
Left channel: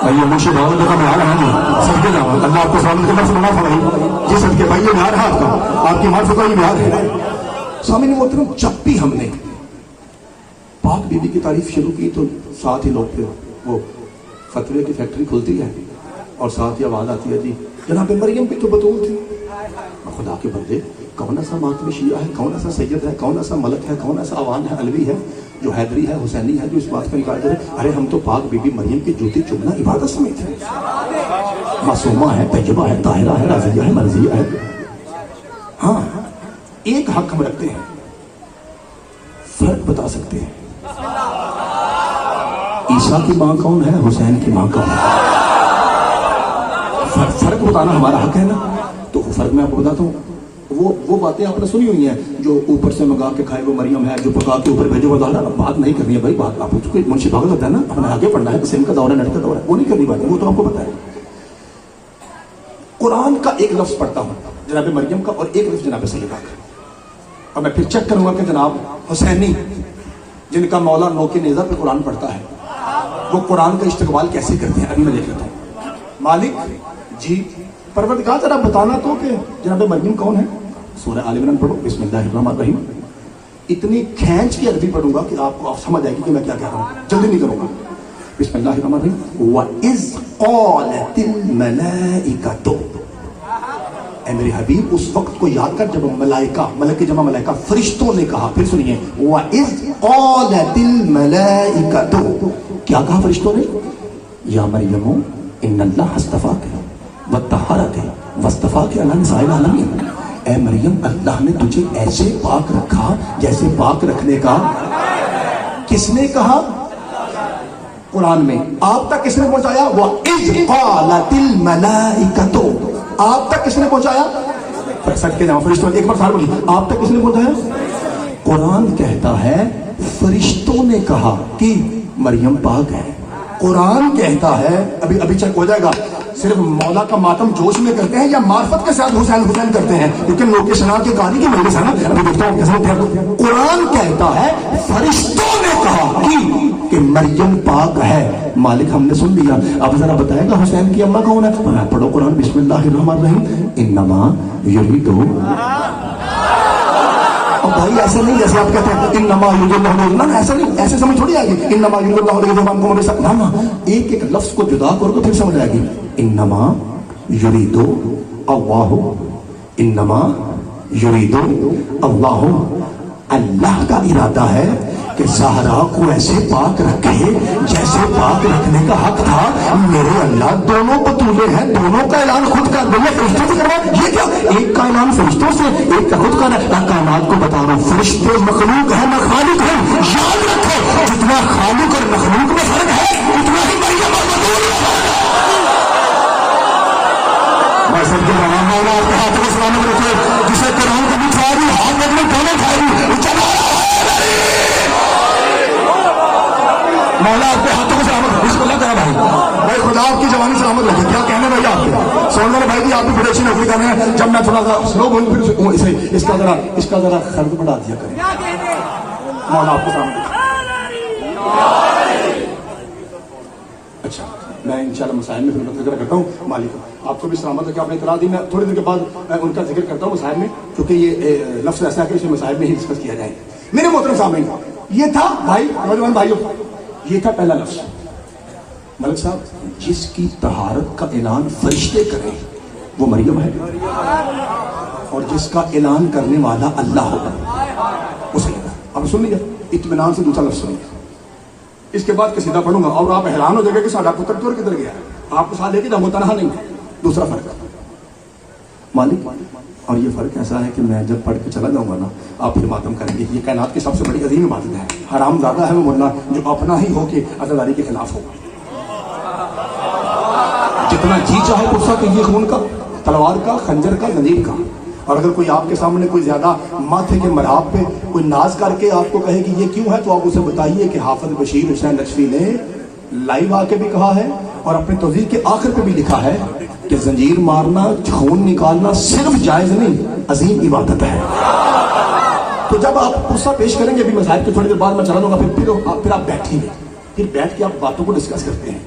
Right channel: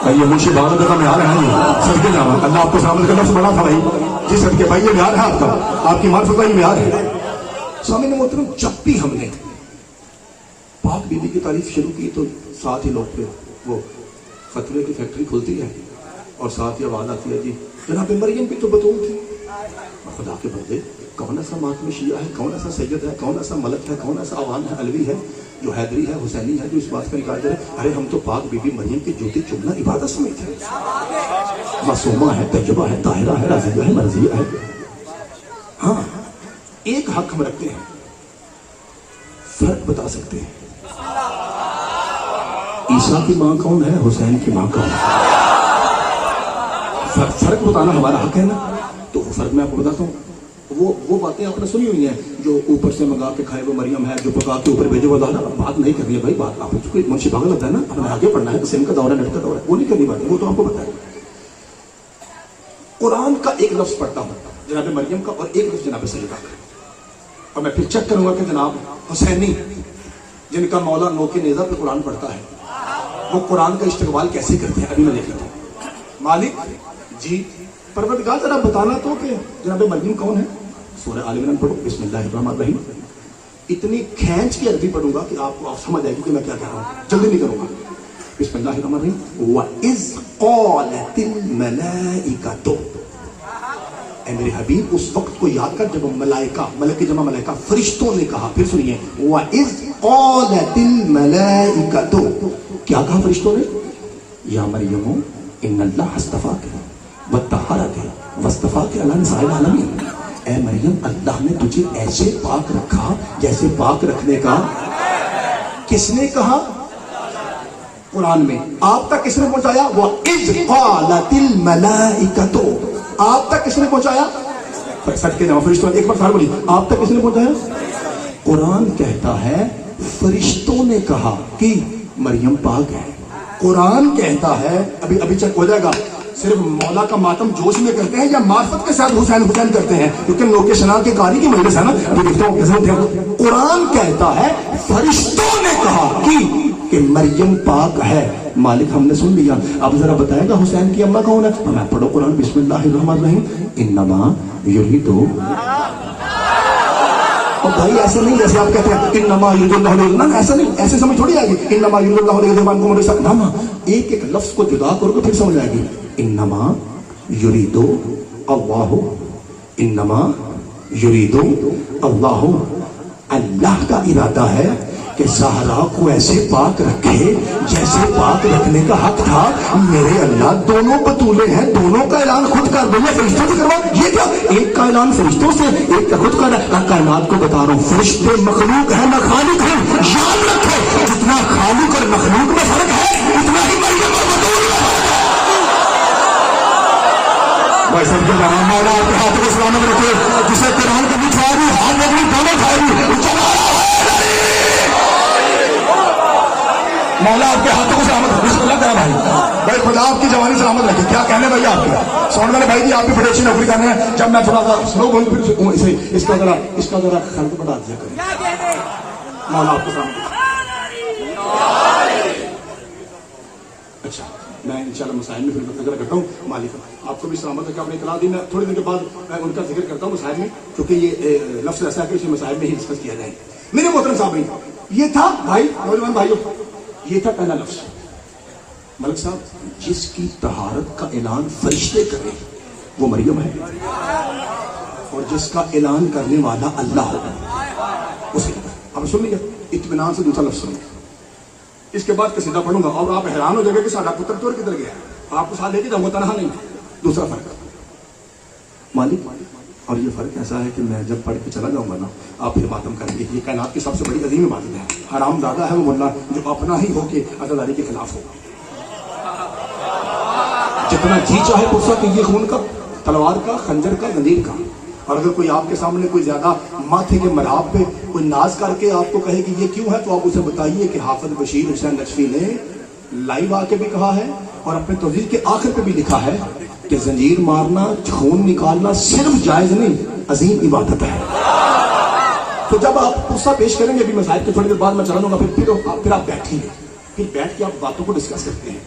یہ منشی بھگوان کا میں آ رہا ہوں. سب کے نام اللہ آپ کو سامنے کرنے سے بڑا فرمائی. جی سب کے بھائی یہ معیار ہے آپ کا. آپ کی معرفت کا یہ معیار ہے. سامنے محترم جب بھی ہم نے پاک بی بی کی تعریف شروع کی تو ساتھ ہی لوگ پہ وہ فتوے کی فیکٹری کھلتی ہے اور ساتھ ہی آواز آتی ہے جی جناب مریم کی تو بطول تھی. خدا کے بندے کون ایسا ماتم شیعہ ہے کون ایسا سید ہے کون ایسا ملک ہے کون ایسا عوان ہے علوی ہے جو حیدری ہے حسینی ہے جو اس بات کا انکار کرے ارے ہم تو پاک بی بی مریم کی جوتی چومنا عبادت سمجھتے ہیں. معصومہ ہے تجربہ ہے طاہرہ ہے راضیہ ہے مرضیہ ہے. ہاں ایک حق ہم رکھتے ہیں فرق بتا سکتے ہیں. عیسیٰ کی ماں کون ہے حسین کی ماں کون ہے. فرق بتانا ہمارا حق ہے نا. تو فرق میں آپ کو بتاتا ہوں. وہ باتیں آپ نے سنی ہوئی ہیں جو اوپر سے منگا کے کھائے وہ مریم ہے جو پکا کے اوپر بھیجو. بات نہیں کرنی ہے بھائی. بات آپ کو منشی بھاگل ہوتا ہے نا ہمیں آگے پڑھنا ہے. سم کا دور ہے نیٹ کا دور ہے وہ نہیں کرنی بات ہے. وہ تو آپ کو بتائے. قرآن کا ایک لفظ پڑھتا ہوں جناب مریم کا اور ایک لفظ جناب سلیقہ کا اور میں پھر چیک کروں گا کہ جناب حسینی جن کا مولا نو کے نیزہ پہ قرآن پڑھتا ہے وہ قرآن کا استقبال کیسے کرتے ہیں. ابھی میں دیکھ لیتا ہوں. مالک جی پروردگار ذرا بتانا تو کہ جناب مریم کون ہے. سورہ آل عمران پڑھو. بسم اللہ الرحمن الرحیم. اتنی کھینچ کی عربی پڑھوں گا کہ آپ کو سمجھ آئے گی کہ میں کیا کہہ رہا ہوں. جلدی نہیں کروں گا. بسم اللہ الرحمن الرحیم. وَإِذْ قَالَتِ الْمَلَائِكَةُ. اے میرے حبیب اس وقت کو یاد کر جب ملائکہ ملک کی جمع ملائکہ فرشتوں نے کہا. پھر سنیے وَإِذْ قَالَتِ الْمَلَائِكَةُ. کیا کہا فرشتوں نے. یا مریم ان اللہ اصطفاک وطہرک واصطفاک علی نساء العالمین. اے مریم اللہ نے تجھے ایسے پاک رکھا جیسے پاک رکھنے کا کس نے کہا قرآن میں. آپ تک کس نے پہنچایا. وَإِذْ قَالَتِ الْمَلَائِكَةُ. آپ تک کس نے پہنچایا. سر کے نام فرشتوں ایک بار بولی. آپ تک کس نے پہنچایا. قرآن کہتا ہے فرشتوں نے کہا کہ مریم پاک ہے. قرآن کہتا ہے ابھی چیک ہو جائے گا صرف مولا کا ماتم جوش میں کرتے ہیں یا معرفت کے ساتھ حسین حسین کرتے ہیں کیونکہ لوکیشن کے کاری کی وجہ سے نا ابھی دیکھتا ہوں کیسے. قرآن کہتا ہے فرشتوں نے کہا کہ مریم پاک ہے. مالک ہم نے سن لیا. اب ذرا بتائے گا حسین کی اماں کون ہے. میں پڑھو قرآن. بسم اللہ الرحمن الرحیم. انما یریدو. भाई ऐसा नहीं जैसे आप कहते हैं इन्नमा युरिदुल्लाहु, ना ऐसा नहीं, ऐसे समझ थोड़ी आएगी। इन्नमा युरिदुल्लाहु लियुज़हिबा अन्कुम रिज्सा, ना एक एक लफ्ज को जुदा करो तो फिर समझ आएगी। इन्नमा युरिदु अल्लाहु, इन्नमा युरिदु अल्लाहु, अल्लाह का इरादा है कि ज़हरा को ऐसे पाक रखे जैसे पाक रखने का हक था। मेरे अल्लाह दोनों बतूले हैं, दोनों का ऐलान खुद कर दो, फरिश्तों से करवा। ये क्या, एक का ऐलान फरिश्तों से, एक का खुद कर। कायनात को बता रहा हूँ, फरिश्ते मखलूक है ना खालिक है। याद रखे, जितना खालिक और मखलूक में फर्क है उतना ही मरियम और बतूल है। मैं सबको मौला आपके हाथ में सलामत रखे, जिसे कलाम कभी खाई हाथ में अपनी दोनों खाई, मौला आपके हाथों में सलामत रखे। इसको लगा भाई, भाई खुदा आपकी जवानी सलामत रखे। क्या कहने भाई आपको सोने वाले भाई की, आप भी बड़ी अच्छी नौकरी कर रहे हैं। जब मैं थोड़ा सा स्लो बोलूं फिर इसे इसका जरा खर्च बढ़ा दिया करें। मौला आपको सलामत रखे। अच्छा, मैं इंशाल्लाह मसाइल में फिर जिक्र करता हूँ। मालिक आपको भी सलामत रखे। आपने इतला दी, मैं थोड़ी देर के बाद मैं उनका जिक्र करता हूँ मसाइल में, क्योंकि ये लफ्ज ऐसा है कि इसे मसाइल में ही डिस्कस किया जाए। मेरे मोहतरम साहब, ये था भाई नौजवान भाइयों, ये था पहला लफ्ज। मलिक साहब, जिसकी तहारत का ऐलान फरिश्ते करें वो मरियम है, और जिसका ऐलान करने वाला अल्लाह होगा उसे। अब सुन लिया, इत्मीनान से दूसरा लफ्ज सुनिए। इसके बाद कसीदा पढ़ूंगा और आप हैरान हो जाएंगे कि साडा पुत्र चोर किधर गया है। आपको साथ लेके जाऊंगा, तनहा नहीं। दूसरा फर्क मालिक, और ये फर्क ऐसा है कि मैं जब पढ़ के चला जाऊंगा ना, आप फिर मातम करेंगे। ये कायनात की सबसे बड़ी अजीम इबादत है। हराम ज्यादा है वो बंदा जो अपना ही होके अज़ादारी के खिलाफ होगा। जितना जी चाहे गुस्सा कीजिए, खून का, तलवार का, खंजर का, जंजीर का। और अगर कोई आपके सामने कोई ज्यादा माथे के मराब पे कोई नाज करके आपको कहे कि ये क्यों है, तो आप उसे बताइए कि हाफिज बशीर हुसैन नकवी ने लाइव आके भी कहा है और अपने तौजीह के आखिर पे भी लिखा है कि जंजीर मारना, खून निकालना सिर्फ जायज नहीं, अजीम इबादत है। तो जब आप गुस्सा पेश करेंगे, अभी मसाइल तो थोड़ी देर बाद मैं चला लूंगा, फिर आप बैठेंगे, फिर बैठ के आप बातों को डिस्कस करते हैं।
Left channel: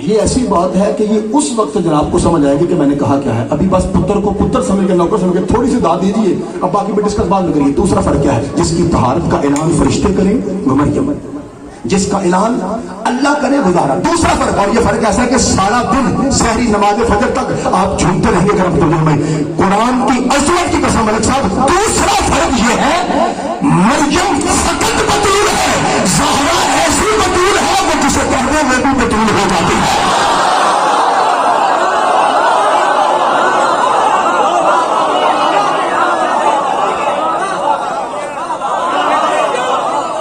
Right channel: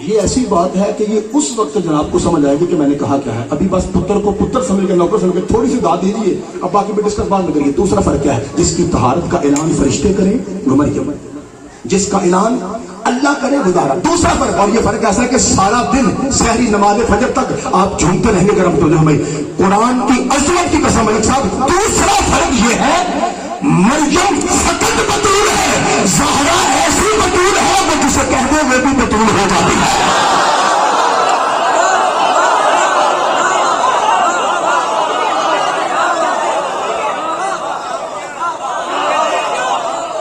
ये ऐसी बात है कि ये उस वक्त जनाब को समझ आएगी कि मैंने कहा क्या है। अभी बस पुत्र को पुत्र समझ के, नौकर समझ के थोड़ी सी दाद दीजिए, अब बाकी भी डिस्कस बाद में करिए। दूसरा फर्क क्या है, जिसकी तहारत का ऐलान फरिश्ते करें वो मरियम, जिसका ऐलान अल्लाह करे वो ज़हरा। दूसरा फर्क, और ये फर्क ऐसा है कि सारा दिन सहरी नमाज फजर तक आप झूमते रहेंगे करम में कुरान की अज़मत की कसम। मलिक साहब, दूसरा फर्क ये है, मरियम फकत बतूल है, ज़हरा ऐसी बतूल है कि जिसे कहते हुए भी बतूल हो जाती है।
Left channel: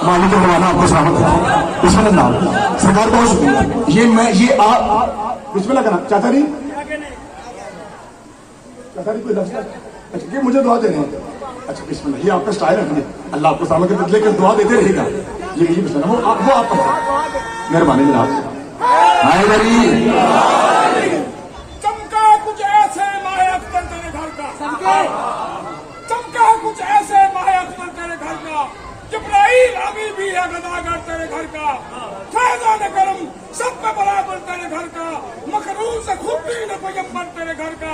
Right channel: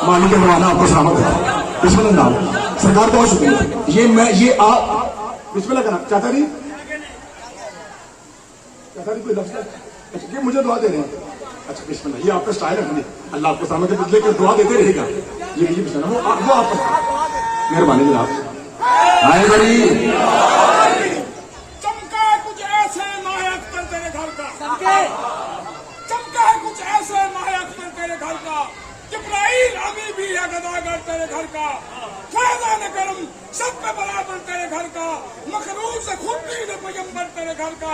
मालिक मौलाना आपको सलामत है। बिस्मिल्लाह नाम सरकार का शुक्रिया। ये आप बिस्मिल्लाह का नाम चाचा जी कोई लफ्ज़, अच्छा ये मुझे दुआ दे रहे हैं। अच्छा बिस्मिल्लाह, ये आपका स्टाइल रखने, अल्लाह आपको सामने के बदले कर दुआ देते रहेगा। ये बिस्मिल्लाह, वो आप मेहरबानी चमका कुछ ऐसे माया अख्तर तेरे घर का, चमका कुछ ऐसे माया अख्तर तेरे घर का, जिब्राइल अभी भी है गदागर तेरे घर का, फैज़ान करम सब में बराबर तेरे घर का, मखरूज से खुद भी न पैगंबर तेरे घर का।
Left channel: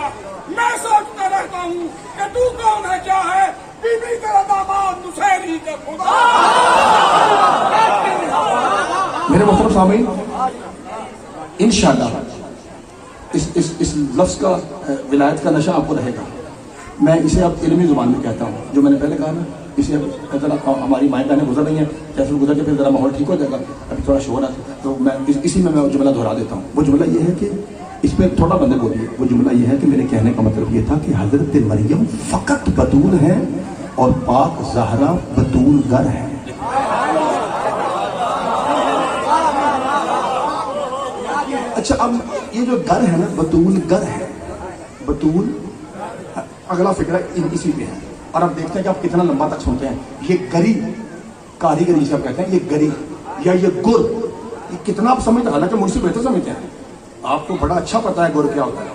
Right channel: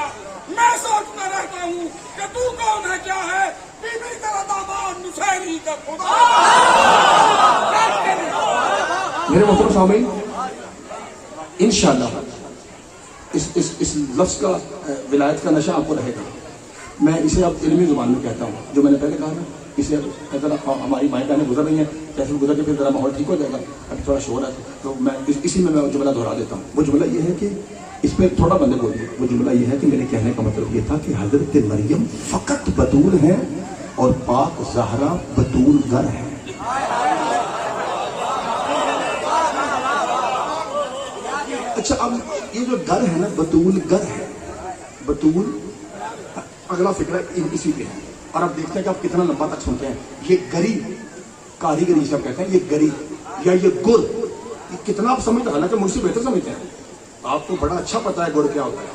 मैं सोचता रहता हूँ कि तू कौन है, क्या है, बीबी तेरा दामाद नुसैरी का खुदा। मेरे मोहतरम सामीन, इंशाअल्लाह इस लफ्ज का विलायत का नशा आपको रहेगा। मैं इसे अब इल्मी जुबान में कहता हूँ, जो मैंने पहले कहा ना, इसे अगर हमारी माएँ बहनें गुजर रही हैं, जैसे गुजर के फिर जरा माहौल ठीक हो जाएगा, अभी थोड़ा शोर है, तो मैं इसी में मैं जुमला दोहरा देता हूँ। वो जुमला ये है कि इस पर थोड़ा बंदे बोलिए। वो जुमला ये है कि मेरे कहने का मतलब ये था कि हजरत मरियम फकत बतूल है और पाक ज़हरा बतूल गर है। अच्छा, अब ये जो गर है ना, बतूल गर है, बतूल अगला फिक्र इसी पे है। और अब देखते हैं कि आप कितना लंबा तक सुनते हैं। ये गरी कारीगरी सर कहते हैं, ये गरी या ये गुर, ये कितना आप समझते हैं, हालांकि मुझसे बेहतर समझते हैं। आपको बड़ा अच्छा पता है गुर क्या होता है,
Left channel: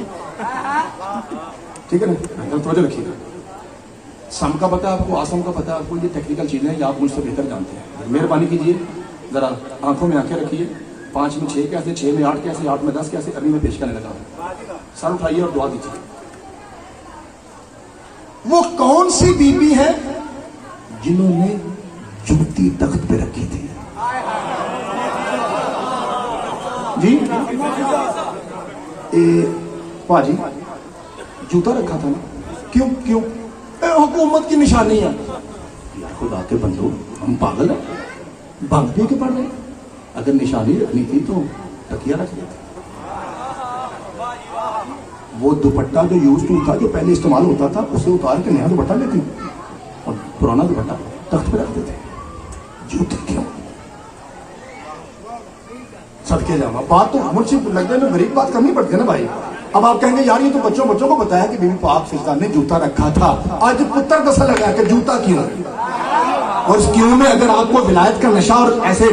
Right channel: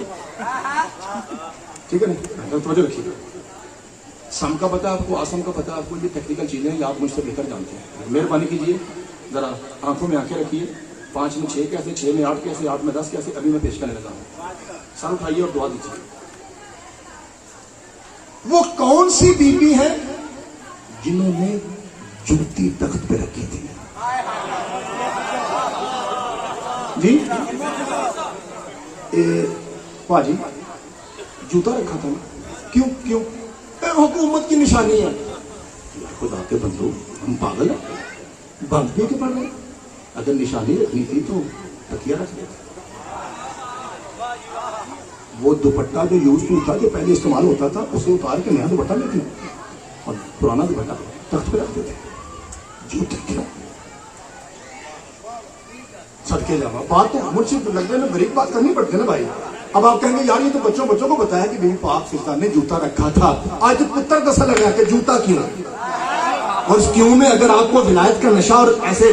ठीक है ना, तो रखिए। सम का पता है आपको, आसम का पता है आपको, ये टेक्निकल चीजें हैं, आप मुझसे बेहतर जानते हैं। मेहरबानी कीजिए, जरा आंखों में आंखें रखिए। 5 में 6 कैसे, 6 में 8 कैसे, 8 में 10 कैसे, अभी मैं पेश करने लगा हूं। सर उठाइए और दुआ दीजिए। वो कौन सी बीबी है جنہوں نے جوتی تخت پہ رکھی تھی. جی پاجی جوتا رکھا تھا نا, کیوں حکومت کی نشانی ہے. خدا کے بندو, ہم پاگل ہیں, بند بھی کے پڑھ رہے. اگر نشانی رکھنی تھی تو تکیہ رکھ دیتے. وہ دوپٹہ جو یوز ٹو تھا, جو پہلے استعمال ہوتا تھا, اسے اتار کے نیا دوپٹہ لیتے اور پرانا دوپٹہ تخت پہ رکھ دیتے. جوتے کیوں؟ صدقے جاوا. بات تو مجھ سے لگنے میں غریب بات کرنی پڑتی ہے نا بھائی. اب آپ کہیں گے یار یہ تو بچوں کو بتایا کہ بیوی پاک سلطان نے جوتا رکھا تھا. آج پتر دسا لگا کہ جوتا کیوں, اور اس کیوں میں اگر آپ کو ولایت کا نشہ اور ایسے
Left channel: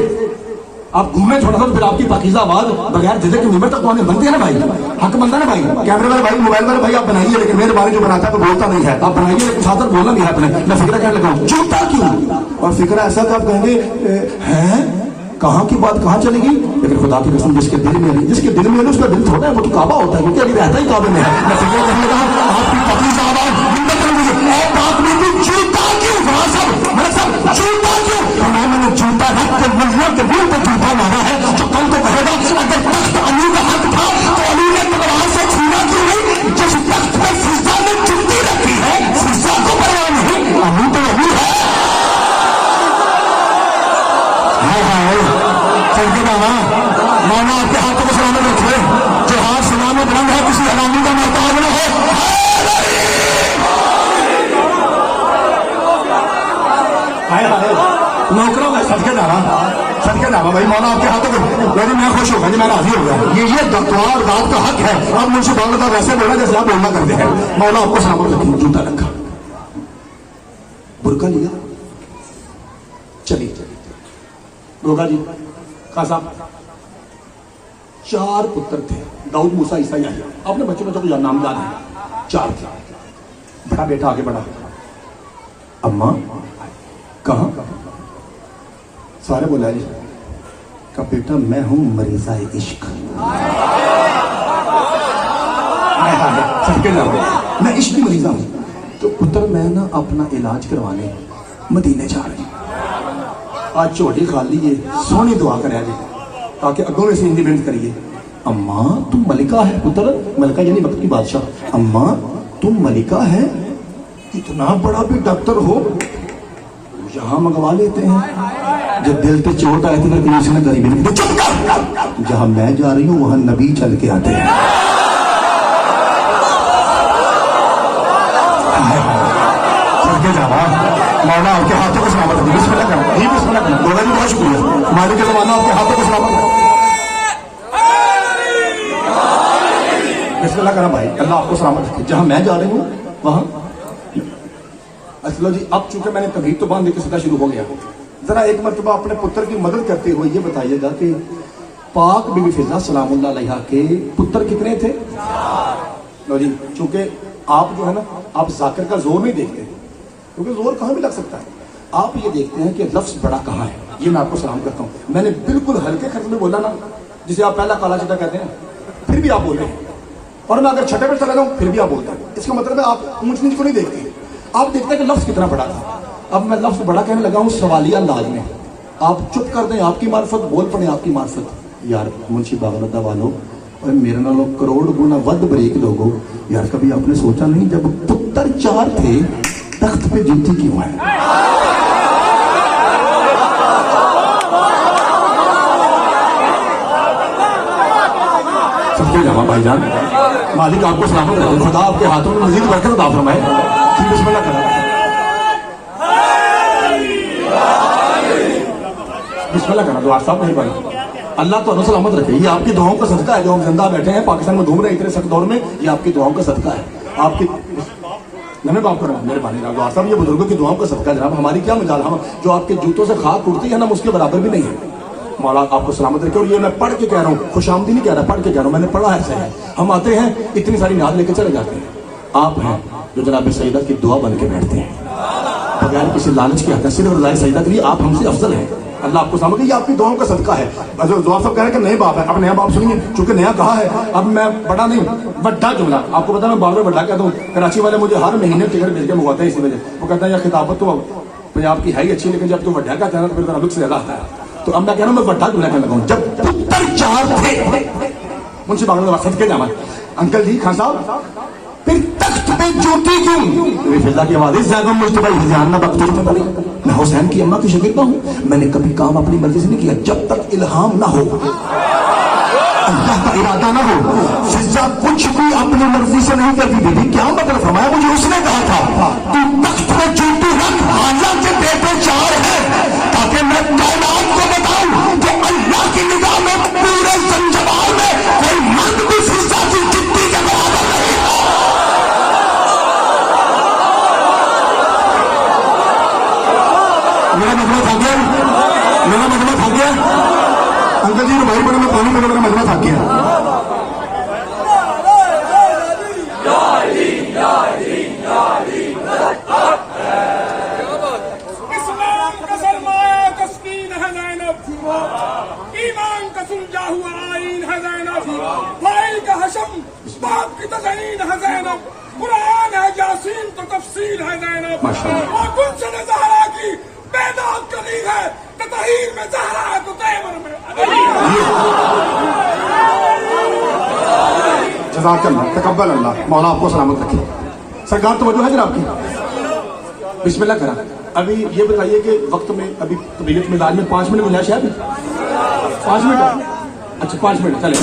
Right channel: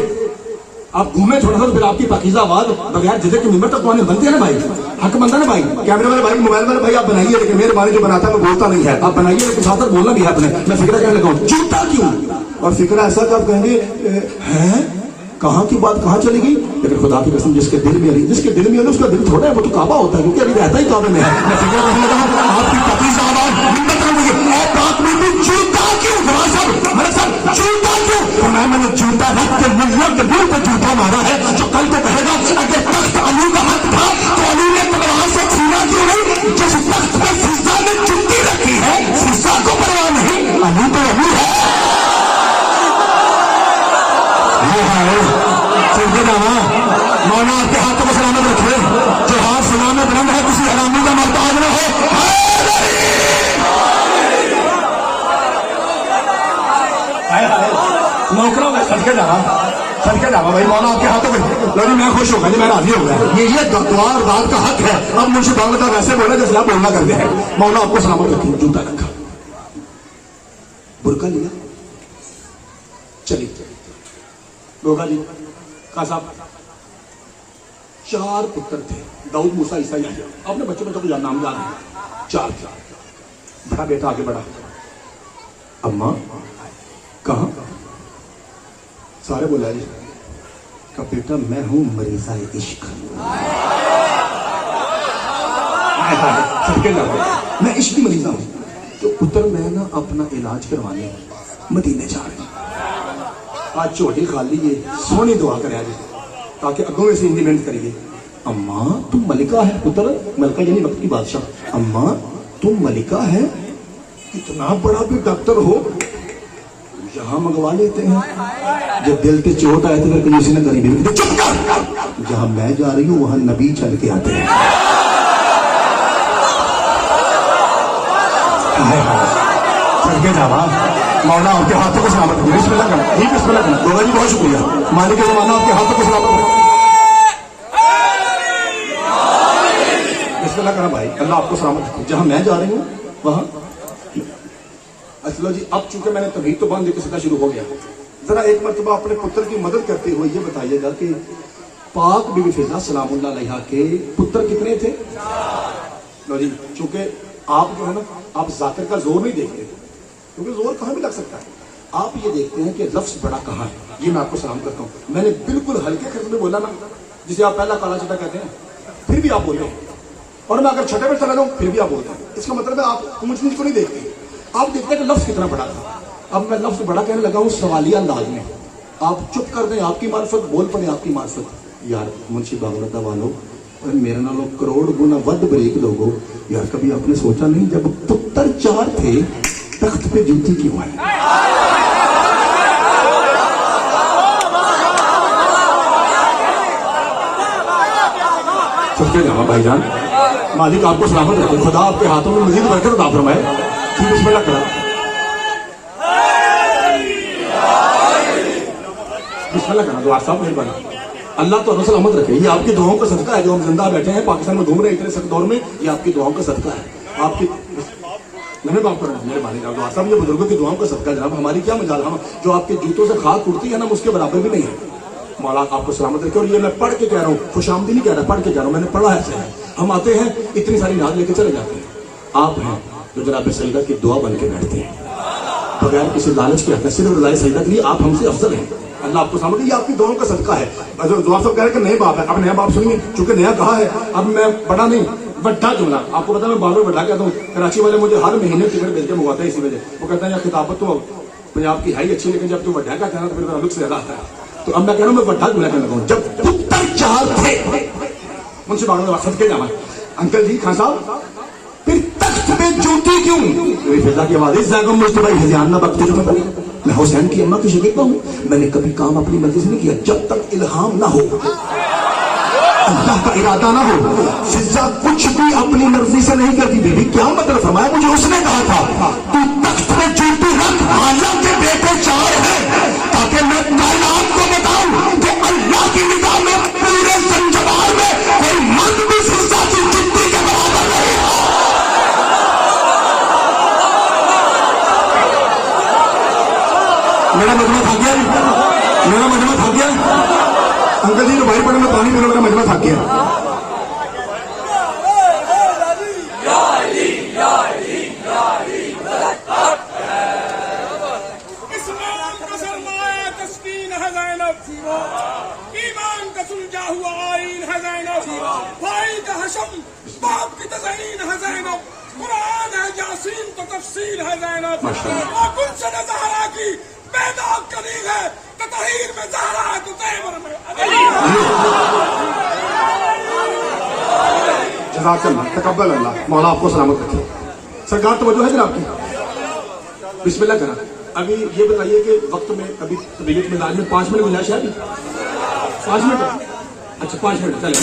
آپ گھومے تھوڑا سا, پھر آپ کی پاکیزہ آواز بغیر جدے کی نمبر تک تو آنے بنتی ہے نا بھائی. حق بنتا ہے نا بھائی. کیمرے والے بھائی, موبائل والے بھائی, آپ بنائیے, لیکن میرے بارے جو بناتا ہے وہ بولتا نہیں ہے. آپ بنائیے لیکن ساتھ بولنا بھی آپ نے. میں فکر کہنے لگا ہوں جوتا کیوں, اور فکر ایسا کہ آپ کہیں گے ہیں کہاں کی بات کہاں چلے گی. لیکن خدا کی قسم جس کے دل میں نہیں, جس کے دل میں نہیں اس کا دل تھوڑا ہے, وہ تو کعبہ ہوتا ہے, کیونکہ ابھی رہتا ہی کعبے میں ہے. میں فکر کرنے لگا آپ کی پاکیزہ آواز بات نہیں تھی. جوتا کیوں میرا سب جوتا کیوں, میں نے جوتا رکھ کے ملت دل پہ جوتا مارا ہے. جو کل تو کہے گا اگر تخت علی کا حق تھا تو علی نے تمہارا سے چھینا کیوں نہیں. جس تخت پہ فرزا نے جوتی رکھی ہے, فرزا کو بنایا نہیں, علی تو علی ہے. مولانا آپ کے ہاتھ کو سلامت رکھیے. جو ہاتھ سلامت بند ہے کسی حرامی کا مرتبہ نہ ہے. نوکروں میں سب کے جانا بھائی. مولانا آپ کے ہاتھ کو میری میں خوش ہوں, میں راضی ہو گیا. یہ دعا اور دعوت کا حق ہے. اور مجھ سے ڈالنے کا ویسے بولنا جیسے آپ بولنا کرتے ہیں. مولانا آپ کو سلامت رکھیے. جوتا رکھا, برقع لیا, چلیے روگا جی خان صاحب. 4 پتر تھے, داؤد, موسیٰ, عیسیٰ, یحییٰ. آپ نے بچوں کو تو نام یاد ہے. 4 تھے. بڑا بیٹا آگے بڑھا, اماں کہاں, سارے بلائے کہ بیٹا میں ہوں مریضہ عشق. میں عشق کی مریضہ ہوں. تو پتر میں نا اپنا علاج کروانے مدینے جا رہے ہیں. آج چھوٹی خالی ہے, سونی دعا کرے آج تاکہ اگوں میں سے انڈیپینڈ کریے. اماں تم ملکہ ہے. پتر ملکہ یعنی وقت کی بادشاہ. اماں تم ملکہ ہے, اتنا بڑا بھی ڈاکٹر ہو یہاں منگوا لیتے ہیں. جو دل پہ چوٹ آئے تھے کسی نے غریبی نہیں. جہاں میں جا رہی ہوں وہاں نبی چل کے آتے ہیں. مولانا آپ کے ہاتھوں کو سلامت رکھنا. بسم اللہ کرنا, یہ بسم اللہ کرنا. مولانا جی بہت شکریہ. مولانا کے مولانا آپ کے ہاتھوں کو سلامت رکھنا. بسم اللہ کرنا بھائی. اللہ آپ کو سلامت رکھے. جہاں میں جا رہی ہوں وہاں اصل جی. اب چونکہ میں نے تبلیغ تو باندھ کے سیدھا شروع ہو گیا, ذرا ایک مرتبہ اپنے پتر کی مدد کرتے ہوئے یہ بتائیے گا کہ پاک بی بی فضا سلام اللہ علیہا کے پتر کتنے تھے؟ جی چونکہ آپ جو ہے نا, آپ ذاکر کا زور نہیں دیکھتے, کیونکہ زور کہاں بھی لگ سکتا ہے. آپ یہ دیکھتے ہیں کہ لفظ بڑا کہاں ہے. یہ میں آپ کو سلام کرتا ہوں. میں نے بالکل ہلکے خرچ میں بولا نا, جسے آپ پہلا کالا چٹا کہتے ہیں, پھر بھی آپ بول رہے ہیں. اور میں اگر چھٹے پہ چلا جاؤں پھر بھی آپ بولتے ہیں. اس کا مطلب ہے آپ اونچ نیچ کو نہیں دیکھتے, آپ دیکھتے ہیں کہ لفظ کتنا بڑا تھا. اب میں لفظ بڑا کہنے لگا ہوں سوالیہ انداز میں. آپ چپ کر دیں, آپ کی معرفت, بول پڑے آپ کی معرفت. یار منشی باولدہ والوں, میرے نالوں کروڑ گنا ود بریک لوگوں, یار کبھی آپ نے سوچا نہیں جب پتر 4 تھے تخت پہ جوتی کیوں ہے؟ سب سے جانا بھائی جان, مالک آپ کو سلامت رکھے. خدا آپ کے ہاتھوں میں مزید برکت عطا فرمائے. بسم اللہ کریں. بسم اللہ کریں. دعا صاحب مہربانی. اللہ تو سلامت رکھے. یہ آپ کی دعاؤں کا صدقہ ہے جو ہم زندہ بیٹھے ہیں پاکستان میں گھوم رہے ہیں اتنے سخت دور میں. یہ آپ کی دعاؤں کا صدقہ ہے. آپ کی میں باپ کرنا مہربانی صاحب, یہ بزرگوں کی دعاؤں کا صدقہ ہے جناب. ہماری کیا مجال, ہم جو آپ کے جوتوں سے خاک اڑتی ہے نا, اس کے برابر بھی نہیں ہے. مولا آپ کو سلامت رکھے. اور یہ میں پڑھ کے کہہ رہا ہوں, خوش آمدی نہیں کہہ رہا, پڑھ کے کہہ رہا ہوں. میں نے پڑھا ہے. ہم آتے ہیں اتنی ساری نعت لے کے چلے جاتے ہیں. آپ ہیں جو جناب سیدہ کی دعا بن کے بیٹھتے ہیں بغیر کسی لالچ کے. آتے ہیں صرف رضائے سیدہ کے لیے. آپ ہم سے افضل ہیں. اللہ آپ کو سلامت. یہ آپ کی دعاؤں کا صدقہ ہے. دعا صاحب کہہ رہے ہیں کہ نئے باپ ہے. اب نیا باپ سنیے, چونکہ نیا کہا ہے. اب میں بڑا نہیں, بڑا جملہ آپ کو پتا, میں بار بار بڑا کہتا ہوں. کراچی والے مجھے ہر مہینے ٹکٹ بھیج کے منگواتے ہیں اسی وجہ. وہ کہتا ہے یا خطابت تو पंजाब की है ही अच्छी, लेकिन जब तू वड्डा कहता है ना तो फिर मेरा लुक्स ज्यादा आता है। तो अब मैं कह रहा हूँ मैं वड्डा क्यों कहना लगाऊँ, जब पुत्र चार थे मुझसे बाबा वसत के जावा अंकल जी खान साहब फिर तख्त पे जूती क्यों, तो फिजा की आवाज इस जगह में तुम्हारी हजाम ना बख्तर में बोले मैं हुसैन की अम्मा की शकीता हूँ, मैंने कभी काम अपनी मर्जी से नहीं किया जब तक इल्हाम ना हो, अल्लाह का इरादा ना हो। फिजा कुछ भी अपनी मर्जी से नहीं करती, बेबी क्या मतलब फरमाया, मुझे उसने कहा था तू तख्त पे जूती रख, आजा के बेटे चार है ताकि मैं कायनात को बताऊं कि अल्लाह की निगाह में पूरे संसार में कोई मर्द भी फिजा की जूती के बराबर नहीं। मेरा मजमा था गया, मेरा मजमा था गया अंकल जी ने भाई पढ़ा, मैं पानी पड़ा, मेरा मजमा था गया। इस्लाम का सरमाया तस्कीन है ज़ैनब, ईमान का सुलझा हुआ आईन है ज़ैनब, भाई का हशम बाप की तज़हीन है ज़ैनब, कुरान है यासीन तो तफसील है ज़ैनब, और गुलशन ज़हरा की बेदाग करीब है, ततहीर में ज़हरा है तो तेवर में जज़ाकल्लाह तकब्बल अल्लाह, मौला आपको सलामत रखे। सरकार तवज्जो है जनाब की, बिस्मिल्लाह करा। अभी ये बताइए कि वक्त में अभी तबीयत में इलाज में 5 मिनट गुंजाइश है, अभी 5 मिनट, अच्छा 5 मिनट चले,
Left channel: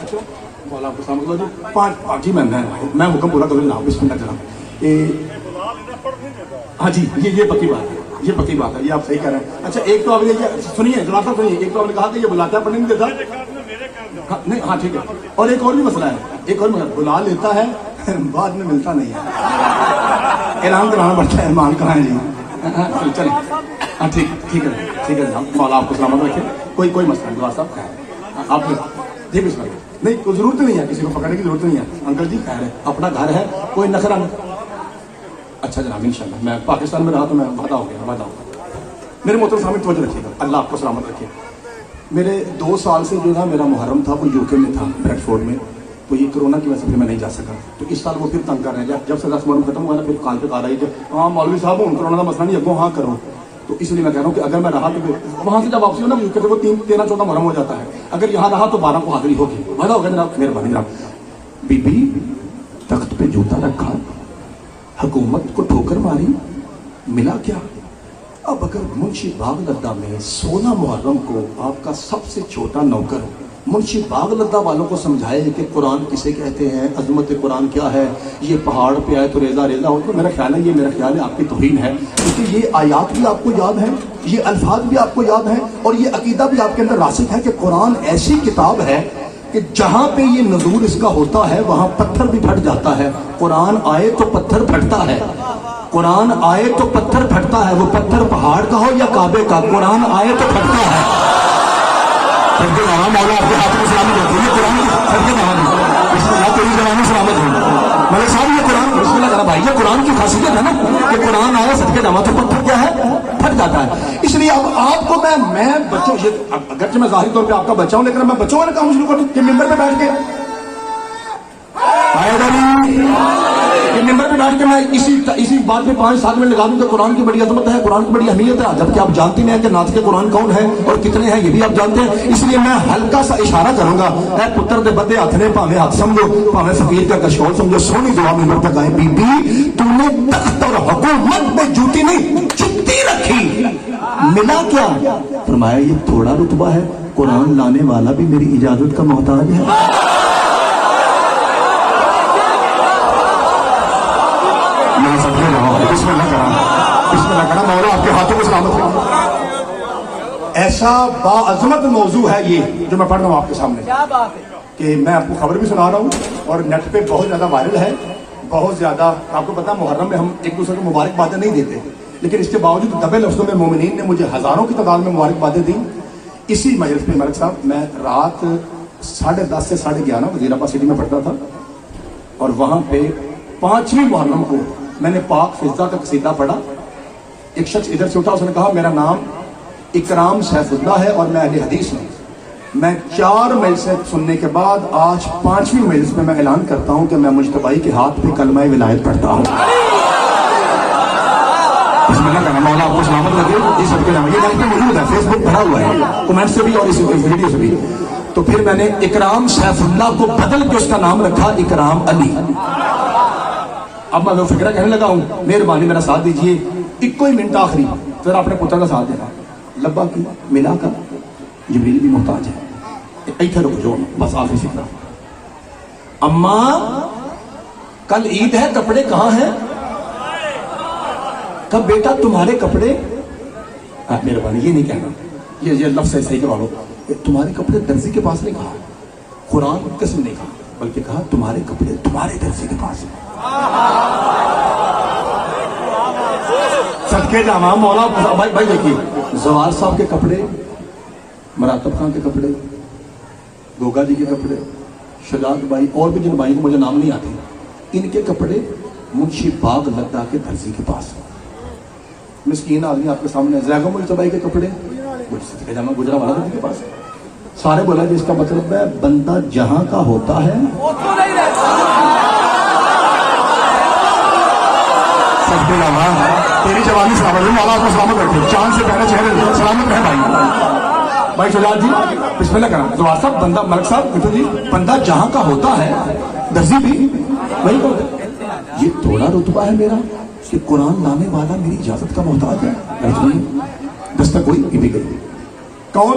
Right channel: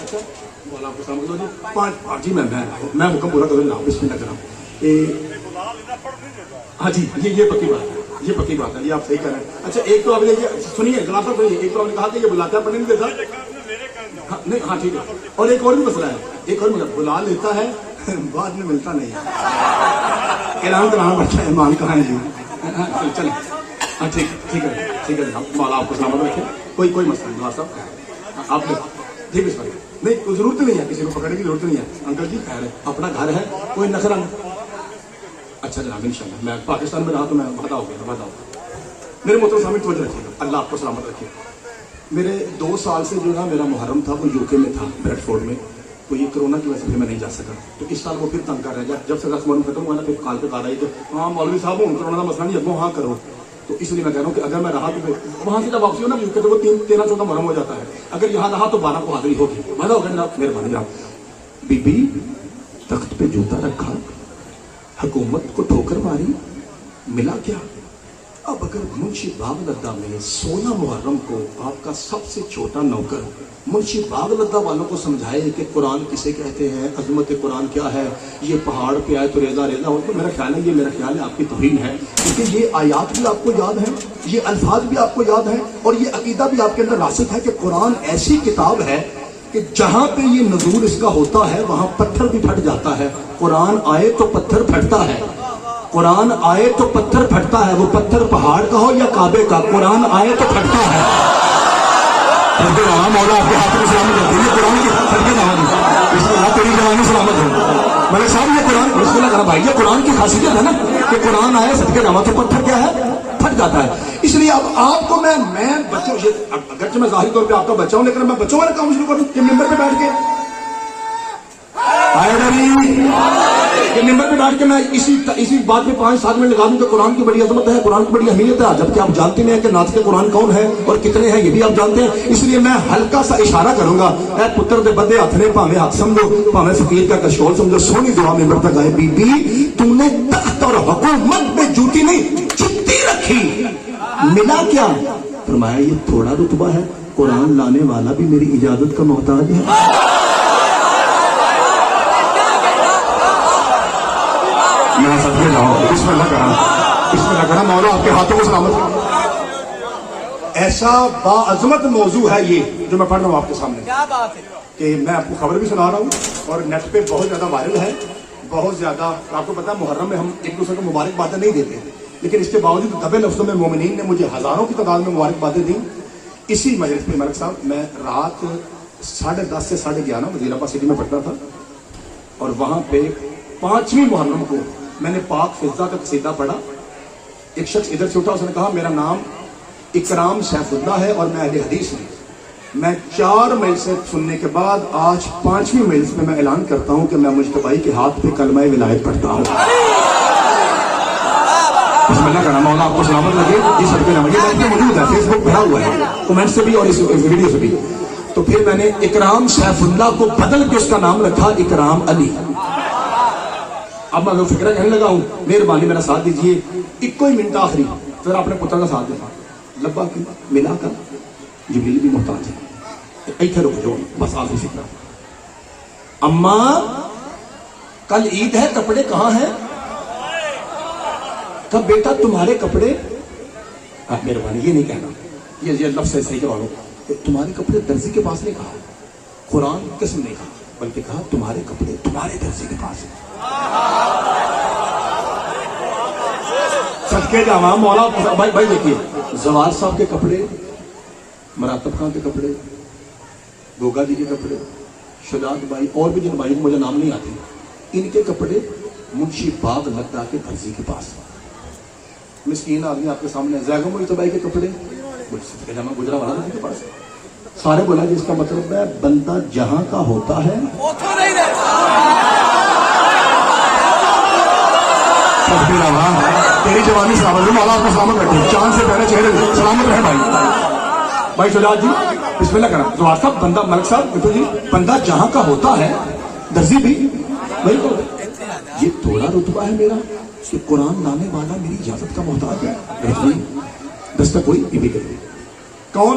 अच्छा मौला आपको सलामत रखे। 5 जी मैं हुक्म पूरा करूँ ना, बिस्मिल्लाह करा। हाँ जी ये पक्की बात है, ये पक्की बात है, ये आप सही कह रहे हैं। अच्छा एक तो आपने सुनिए जनाब साहब सुनिए, एक तो आपने कहा कि ये बुलाता है पढ़ने नहीं देता, हाँ, नहीं हाँ ठीक है, और एक और भी मसला है, एक और मतलब बुला लेता है बाद में मिलता नहीं है, ऐलान कराना पड़ता है मान कहाँ है जी, चलो हाँ ठीक है जनाब, मौला आपको सलामत रखे। कोई मसला नहीं जनाब साहब, आप ठीक है नहीं कोई जरूरत नहीं है, किसी को पकड़ने की जरूरत नहीं है अंकल जी, खैर है अपना घर है, कोई नखरा नहीं। अच्छा जनाब इंशाल्लाह मैं पाकिस्तान में रहा तो मैं वादा हो गया, वादा हो गया। मेरे मोहतरम सामने तवज्जो रखिएगा, अल्लाह आपको सलामत रखे। मेरे 2 साल से जो ना मेरा मुहर्रम था वो यूके में था, ब्रेडफोर्ड में, तो ये कोरोना की वजह से मैं नहीं जा सका, तो इस साल वो फिर तंग कर रहे हैं। जब से मुहर्रम खत्म हुआ ना फिर काल पे आ रही है, हाँ मौलवी साहब हूँ कोरोना का मसला नहीं है, वो हाँ करो, तो इसलिए मैं कह रहा हूँ कि अगर मैं रहा तो वहां से जब वापसी हो ना यूके से वो 13-14 मुहर्रम हो जाता है, अगर यहाँ रहा तो 12 को हाजिरी होगी, वादा हो गया जनाब, मेहरबानी जनाब। बीबी तख्त पे जूता रखा, हुकूमत को ठोकर मारी, मिला क्या? अब अगर मुंशी बागलद्दा में 16 मुहर्रम को आपका सबसे छोटा नौकर मुंशी बागलद्दा वालों को समझाए कि कुरान किसे कहते हैं, अजमत कुरान क्या है, ये पहाड़ पे आए तो रेजा रेजा हो, तो मेरा ख्याल है आपकी तौहीन है, क्योंकि ये आयात भी आपको याद है, ये अल्फाज भी आपको याद है, और ये अकीदा भी आपके अंदर रासिख है कि कुरान ऐसी किताब है कि जहां पे ये नजूल इसका होता है वहां पत्थर भी फट जाता है। कुरान आए तो पत्थर फटता है, कुरान आए तो पत्थर फटता है, वो पत्थर पहाड़ का हो या काबे का, कुरान आए तो फटता है। आपके हाथ में सलामत रहती है कुरान की, फटके ना तेरी जवानी सलामत है मेरे साहब, ये कुरान बिस्मिल्लाह करा भाई, ये कुरान की खासियत है ना कि कुरान आए फटके ना, तो पत्थर क्या है, फट जाता है। इसलिए अब आपको मैं बच्चों, अगरचे मैं जाहिर तौर पे आपका बच्चा हूं, लेकिन मैं बच्चों वाला काम शुरू करूं कि मेंबर पे बैठ के ये मेंबर पे बैठ के मैं इसी बात में 5-7 मिनट लगा दूं कि कुरान की बड़ी अजमत है, कुरान की बड़ी अहमियत है, जबकि आप जानते नहीं है कि नातिक़ कुरान कौन है और कितने हैं, ये भी आप जानते हैं। इसलिए मैं हल्का सा इशारा करूंगा, ऐ पुत्र दे बदे हथ ने, भावे हाथ समझो भावे फकीर का कशकोल समझो, सोनी दुआ मेंबर तक आए, बीबी तुमने तख्त और हुकूमत में जूती नहीं जुत्ती रखी, मिला क्या? फरमाया ये थोड़ा रुतबा है, कुरान लाने वाला भी मेरी इजाजत का मोहताज है। आपके हाथों में सलामत है। ऐसा बाअज़मत मौजू है ये जो मैं पढ़ रहा हूँ आपके सामने, क्या बात है कि मैं आपको खबर भी सुना रहा हूँ और नेट पे बहुत ज्यादा वायरल है, बहुत ज्यादा। आपको पता है मुहर्रम में हम एक दूसरे को मुबारकबादें नहीं देते, लेकिन इसके बावजूद दबे लफ्जों में मोमिनीन ने मुझे हजारों की तादाद में मुबारकबादें दी। इसी मजलिस में मलिक साहब मैं रात 10:30 से 11:30 वज़ीराबाद सिटी में पढ़ता था, और वहां पे 5वीं मुहर्रम को मैंने पाक फिजा का कसीदा पढ़ा। एक शख्स इधर से उठा, उसने कहा मेरा नाम इकराम सैफुल्लाह है और मैं अहले हदीस हूं। मैं 4 मजलिसें सुनने के बाद आज 5वीं मजलिस में मैं ऐलान करता हूं कि मैं मुज्तबाई के हाथ पे कलमा विलायत करता हूं। बिस्मिल्लाह करना, मौला आपको सलामत रखे। ये सबके नाम, ये लाइफ में मौजूद है, फेसबुक भरा हुआ है कमेंट से भी और इस वीडियो से भी। तो फिर मैंने इकराम सैफुल्लाह को बदल के उसका नाम रखा इकराम अली। अब मैं फिक्र कहने लगा हूं, मेहरबानी मेरा साथ दीजिए, इक्को ही मिनट आखिरी, फिर अपने पुत्र का साथ देना। लब्बा की मिला का जिब्रील भी मोहताज है, इधर रुक जाओ बस आखिरी फिक्र। अम्मा कल ईद है, कपड़े कहाँ हैं? कब बेटा तुम्हारे कपड़े, मेहरबानी ये नहीं कहना, ये लफ्ज़ सही करवा लो, तुम्हारे कपड़े दर्जी के पास नहीं कहा, कुरान किसने नहीं कहा, बल्कि कहा तुम्हारे कपड़े तुम्हारे दर्जी के पास। सबके जाना मौला भाई भाई देखिए, जवार साहब के कपड़े, मरातब खान के कपड़े, गोगा जी के कपड़े, शजाद भाई और भी जिन भाई को मुझे नाम नहीं आते, इनके कपड़े मुंशी बाग लद्दा के दर्जी के पास। मिस्कीन आदमी आपके सामने, जैगम भाई के कपड़े जाना गुजरा वाला के पास। सारे बोला कि इसका मतलब है बंदा जहां का होता है तेरी जवानी से आपके सामने बैठे, चांद से पहले चेहरे सलामत रहे भाई। भाई शजाद जी बिस्मिल्लाह करना, तो आप सब बंदा मलिक साहब बिट्टू जी, बंदा जहां का होता है दर्जी भी वही कर। ये थोड़ा रुतबा है मेरा कि कुरान लाने वाला मेरी इजाजत का मोहताज है। दस्तक कोई भी गई, कौन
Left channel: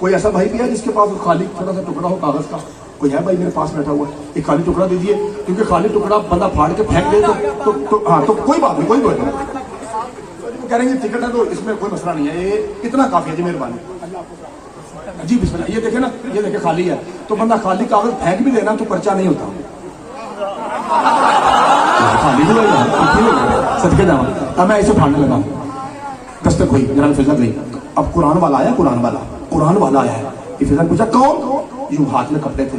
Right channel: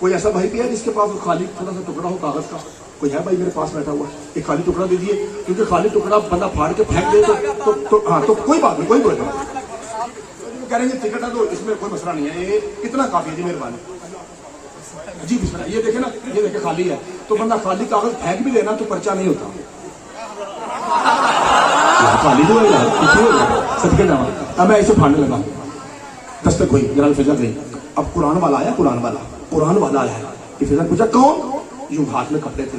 कोई ऐसा भाई भी है जिसके पास खाली थोड़ा सा टुकड़ा हो कागज का? कोई है भाई मेरे पास बैठा हुआ, एक खाली टुकड़ा दे दिए, क्योंकि खाली टुकड़ा बंदा फाड़ के फेंक दे तो हाँ तो कोई बात नहीं, कोई बात नहीं, कह रहे हैं टिकट है तो इसमें कोई मसला नहीं है, ये कितना काफी है जी मेहरबानी जी। बिस्मिल्लाह, ये देखे ना, ये देखे खाली है, तो बंदा खाली कागज फेंक भी लेना तो पर्चा नहीं होता, खाली सबके नाम। अब मैं इसे फाड़ने लगा, दस्तक हुई, जरा फिजा गई। अब कुरान वाला आया, कुरान वाला आया, ये फिजा पूछा कौन? यूं हाथ में कपड़े थे,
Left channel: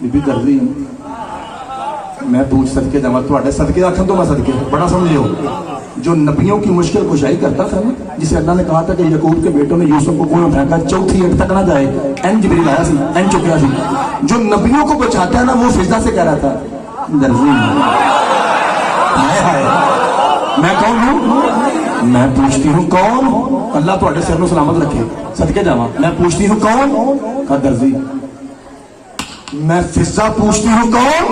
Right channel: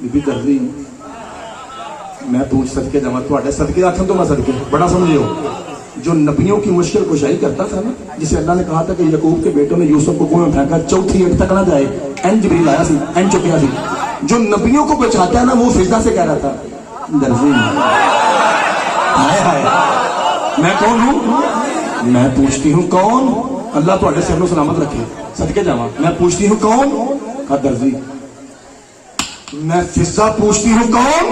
बीबी दर्जी। मैं पूछ सदके जावा, थोड़े सदके आखन तो मैं सदके बड़ा समझियो, जो नबियों की मुश्किल कुशाई करता था ना, जिसे अल्लाह ने कहा था कि यकूब के बेटों ने यूसुफ को कुएं फेंका, चौथी एक तक ना जाए, एन जिब्रील आया सी, एन चुकया सी, जो नबियों को बचाता है ना, वो सिजदा से कह रहा था दर्जी। हाय हाय, मैं कौन हूं? मैं पूछती हूँ कौन? अल्लाह तो से हमें सलामत रखे, सदके जावा। मैं पूछती हूँ कौन? कहा दर्जी। मैं फिजा पूछती हूँ कौन?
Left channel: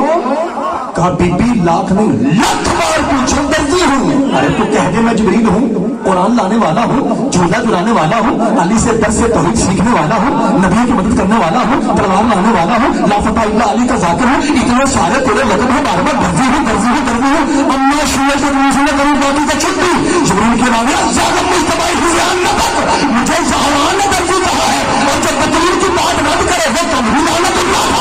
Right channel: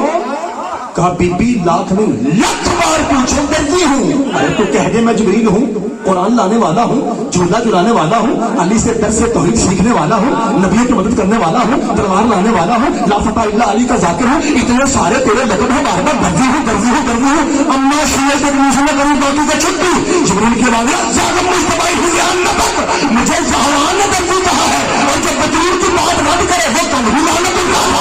कहा बीबी लाख नहीं लाख बार पूछो, दर्जी हूँ। अरे तो कह दे मैं जिब्रील हूँ, कुरान लाने वाला हूँ, झूला चुराने वाला हूँ, अली से दस से तौहीद सीखने वाला हूँ, नबी की मदद करने वाला हूँ, तलवार लाने वाला हूँ, लाफता इल्ला अली का जाकिर हूँ, इतने सारे तेरे वजन है, बार बार दर्जी हूँ दर्जी हूँ दर्जी हूँ। अम्मा शुरू के दूसरे कभी बेटी से छुट्टी, जिब्रील की राजा जागम में तबाही हुई है, मुझे जहान ने दर्जी कहा है, और जब तकलीफ की बात मत करेगा तो भी लाने की बात।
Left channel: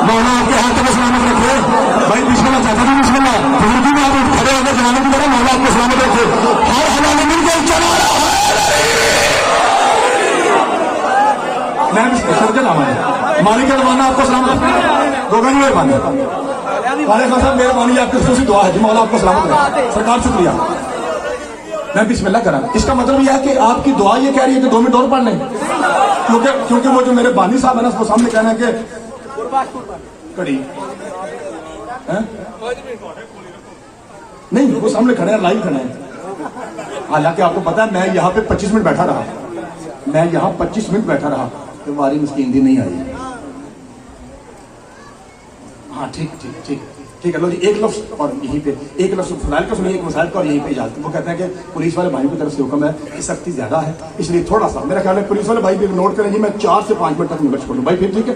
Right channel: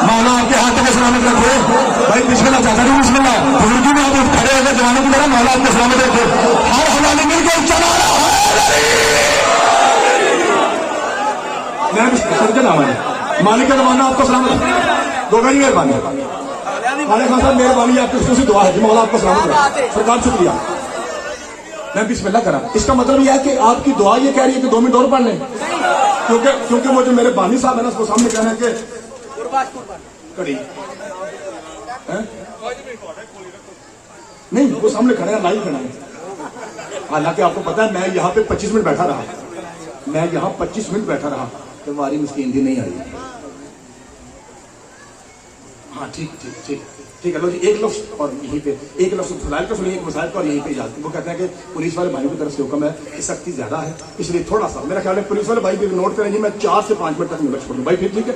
मौला आपके हाथ में सलामत रखे भाई, बिस्मिल्लाह चाचा जी, बिस्मिल्लाह बुजुर्गों में आप खड़े होकर जमाने की तरह मौला आपको सलामत रखे, हर हवाले मिल गए चलो। मैं समझे ना मालिक के मौला आपको सलामत गोगा जी, मेहरबानी खालिद खान साहब, मेहरबानी आपकी खुशी दुआ है जी, मौला आपको सलामत रखे, सरकार शुक्रिया। मैं बिस्मिल्लाह करा, इसका मतलब यह है कि आपकी दुआ ये कह रही है कि 2 मिनट और पढ़ लें, क्योंकि वो जो मेरे बानी साहब है ना, उसको सामने कहना कि कड़ी नहीं, वो सामने खड़े हैं, लाइव खड़ा है। हालांकि आपको पता है मैं यहाँ पे 25 मिनट बैठा रहा, मैं यहाँ 25 मिनट बैठा रहा, तो हमारी मिस्कीन दी नहीं आई। हाँ ठीक ठीक ठीक ठीक है, लो जी एक लफ्ज और यहीं पे एक लफ्ज फजाइल का सुनिए, एक मसाइल का, और यहीं पे इजाजत। वो कहते हैं कि पुलिस वाले भाइयों की तरफ से हुक्म है कि सख्ती ज्यादा है, इसलिए थोड़ा सा मेरा ख्याल है पुलिस वाले भाई भी नोट करेंगे, मैं 4 से 5 मिनट तक मिनट छोड़ूँ भाई, फिर ठीक है,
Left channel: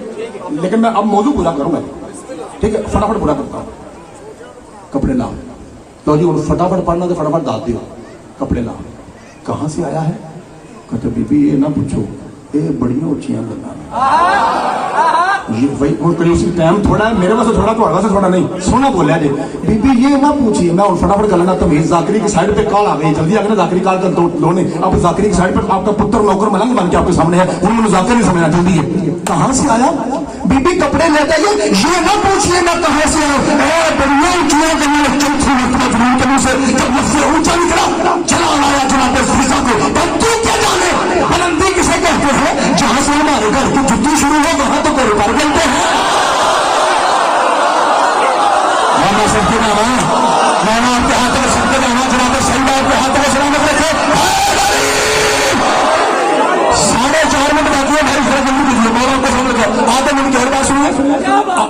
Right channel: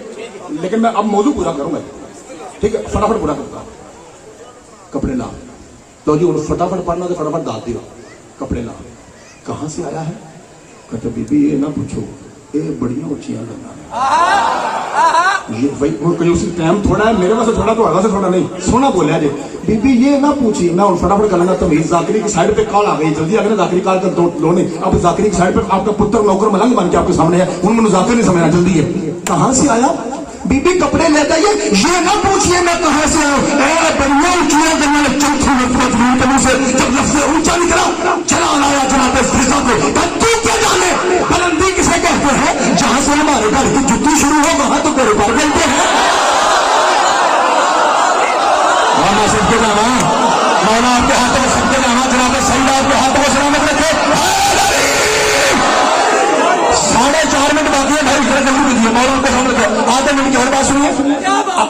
लेकिन मैं अब मौजूद पूरा करूंगा, ठीक है, फटाफट पूरा करता हूँ। कपड़े ला लो जी, फटाफट पढ़ना तो फटाफट डाल दियो, कपड़े ला। कहाँ से आया है? कहते बीबी ये ना पूछो, ये बड़ियां ऊंचियां गल्लां, ये वही उसी टाइम थोड़ा है, मेरे पास थोड़ा तो आगा से थोड़ा नहीं, सोना बोलिया जी। बीबी ये ना पूछिए ना, फटाफट कर लेना। तो मेरी जाकरी की साइड पे कॉल आ गई, जल्दी आ गया, जाकरी कॉल कर दो लोने। अब जाकरी की साइड पे आपका पुत्र नौकर मलंग बन के आपके सामने है, उन मैंने जाकर नहीं समझना, जल्दी है। कहाँ से आया? बीबी कपड़े ले जाइए, ये ना पूछिए ना कहाँ से चौथी मरतबा से जब ऊंचा निकला, चला आया जनाब को, बुलंदी किसे कहते हैं? जहां से सबके जा रहे हैं, मैंने आपके हाथों में सबके जाना, जनाब सैयद के हाथों में सलामत रखे। 4.5 मिनट बाकी है भाई, जरा जल्दी कीजिए, मैं आपको आधे मिनट की हर बात सुनिए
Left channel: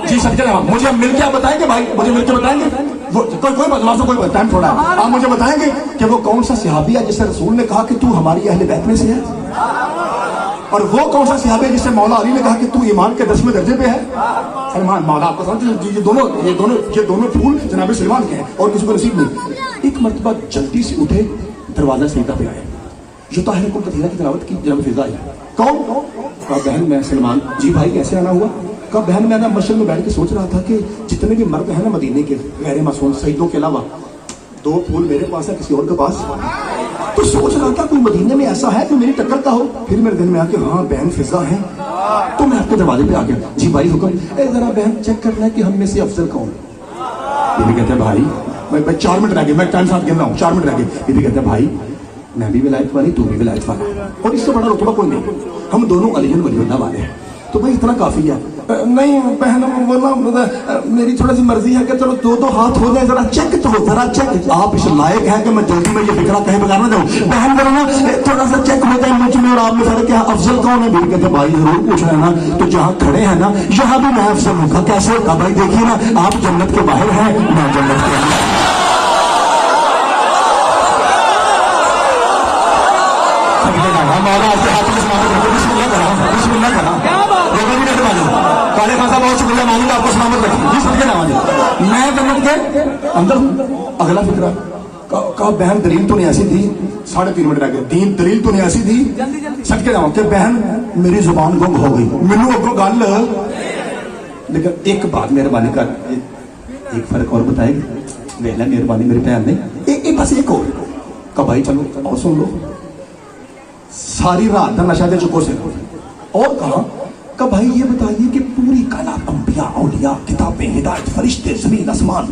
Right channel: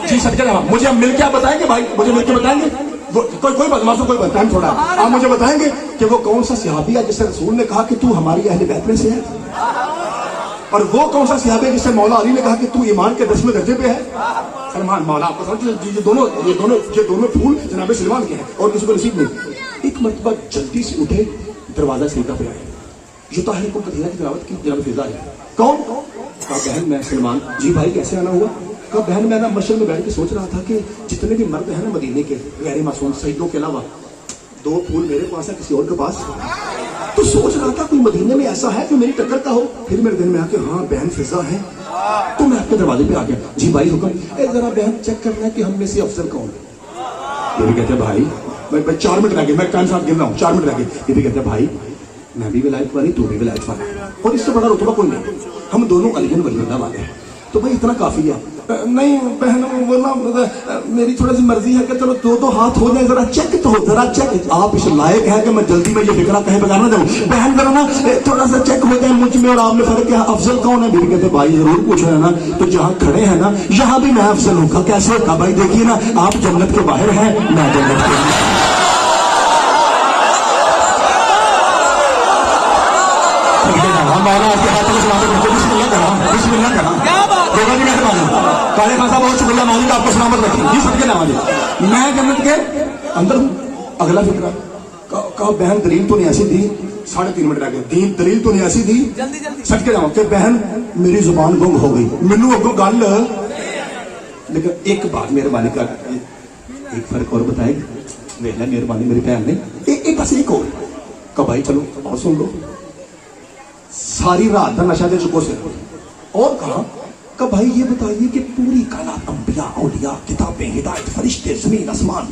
जी। सबके जाना, मुझे मिलकर आप बताएंगे भाई, मुझे मिलकर बताएंगे कोई बदमाश कोई टाइम थोड़ा है, आप मुझे बताएंगे कि वो कौन सा सहाबी है जिससे रसूल ने कहा कि तू हमारी अहले बैत में से है, और वो कौन सा सहाबी है जिससे मौला अली ने कहा कि तू ईमान के 10वें दर्जे पे है। मौला आपको समझ, ये दोनों फूल जनाब सलमान के हैं और किसी को नसीब नहीं। एक मरतबा जल्दी से उठे, दरवाजा सीधा पे आए, जो ताहिर को कथीरा की तिलावत की, जनाब फिजा आई। कौन? कहा बहन मैं सलमान। जी भाई कैसे आना हुआ? कहा बहन मैं ना मस्जिद में बैठ के सोच रहा था कि जितने भी मर्द हैं ना मदीने के गैर मासूम शहीदों के अलावा, 2 फूल मेरे पास है, किसी और के पास, तो सोच रहा था कोई मदीने में ऐसा है जो मेरी टक्कर का हो। फिर मेरे दिन में आके हाँ बहन फिजा है, तो मैं आपके दरवाजे पे आ गया। जी भाई हुक्म, जरा बहन चेक करना है कि हम में से अफसर कौन है। ये भी कहते हैं भाई मैं 4 मिनट रह गए, मैं टाइम साथ गिन रहा हूँ, 4 मिनट रह गए। ये भी कहते हैं भाई मैं भी विलायत वाली, तू भी विलायत वाला, और इससे बड़ा रुतबा कोई नहीं, हम दोनों अलीजन वलीउल्लाह वाले हैं, तो भाई इतना काफी है। नहीं बहन वो ना मेरी थोड़ा सी मर्जी है कि चलो 2 हाथ हो जाए, जरा चेक तो हो, जरा चेक। आप इस लायक है कि मैं जल्दी में ये फिक्रा कहीं बता ना दूं, बहन जरा ना थोड़ा सा चेक हो जाए मुझ में और आप में फर्क क्या, अफजल कौन है? बीवी कहते भाई जरूर पूछ रहे हैं ना, तो जहाँ खड़े हैं ना यहाँ भी मैं अफजल हूँ। कैसे होगा भाई? देखिए ना आप जन्नत के बाहर हैं, मैं जन्नत के अंदर। मैंने आपके हाथों में बिस्मिल्लाह करा, बिस्मिल्लाह करा, देखो भी कैसे मालूम पहले खाता बहुत शुक्रिया मालूम आपको सलामत रखें। जिस के नाम मैं जन्नत के अंदर हूँ। अगला फिक्रा कहा बहन दलील तो नहीं ऐसी थी, 3.5 मिनट रह गए, दलील तो नहीं ऐसी थी, सच के नाम कि बहन मेरी जुबान गुम हो गई, मैनू अगो गल। लेकिन एक बात मेहरबानी कर, एक फर्क और बताएगी, वेख लै मेहरबानी मेरी बहन ने, एक बस एक और कहा भाई चलो और सुन लो, सारी रात का नशा दे चुको से, और कहा कि भाई ये बताइए कि पूरी कायनात, अंबिया औलिया किताबें हिदायत फरिश्ते जमीन आसमान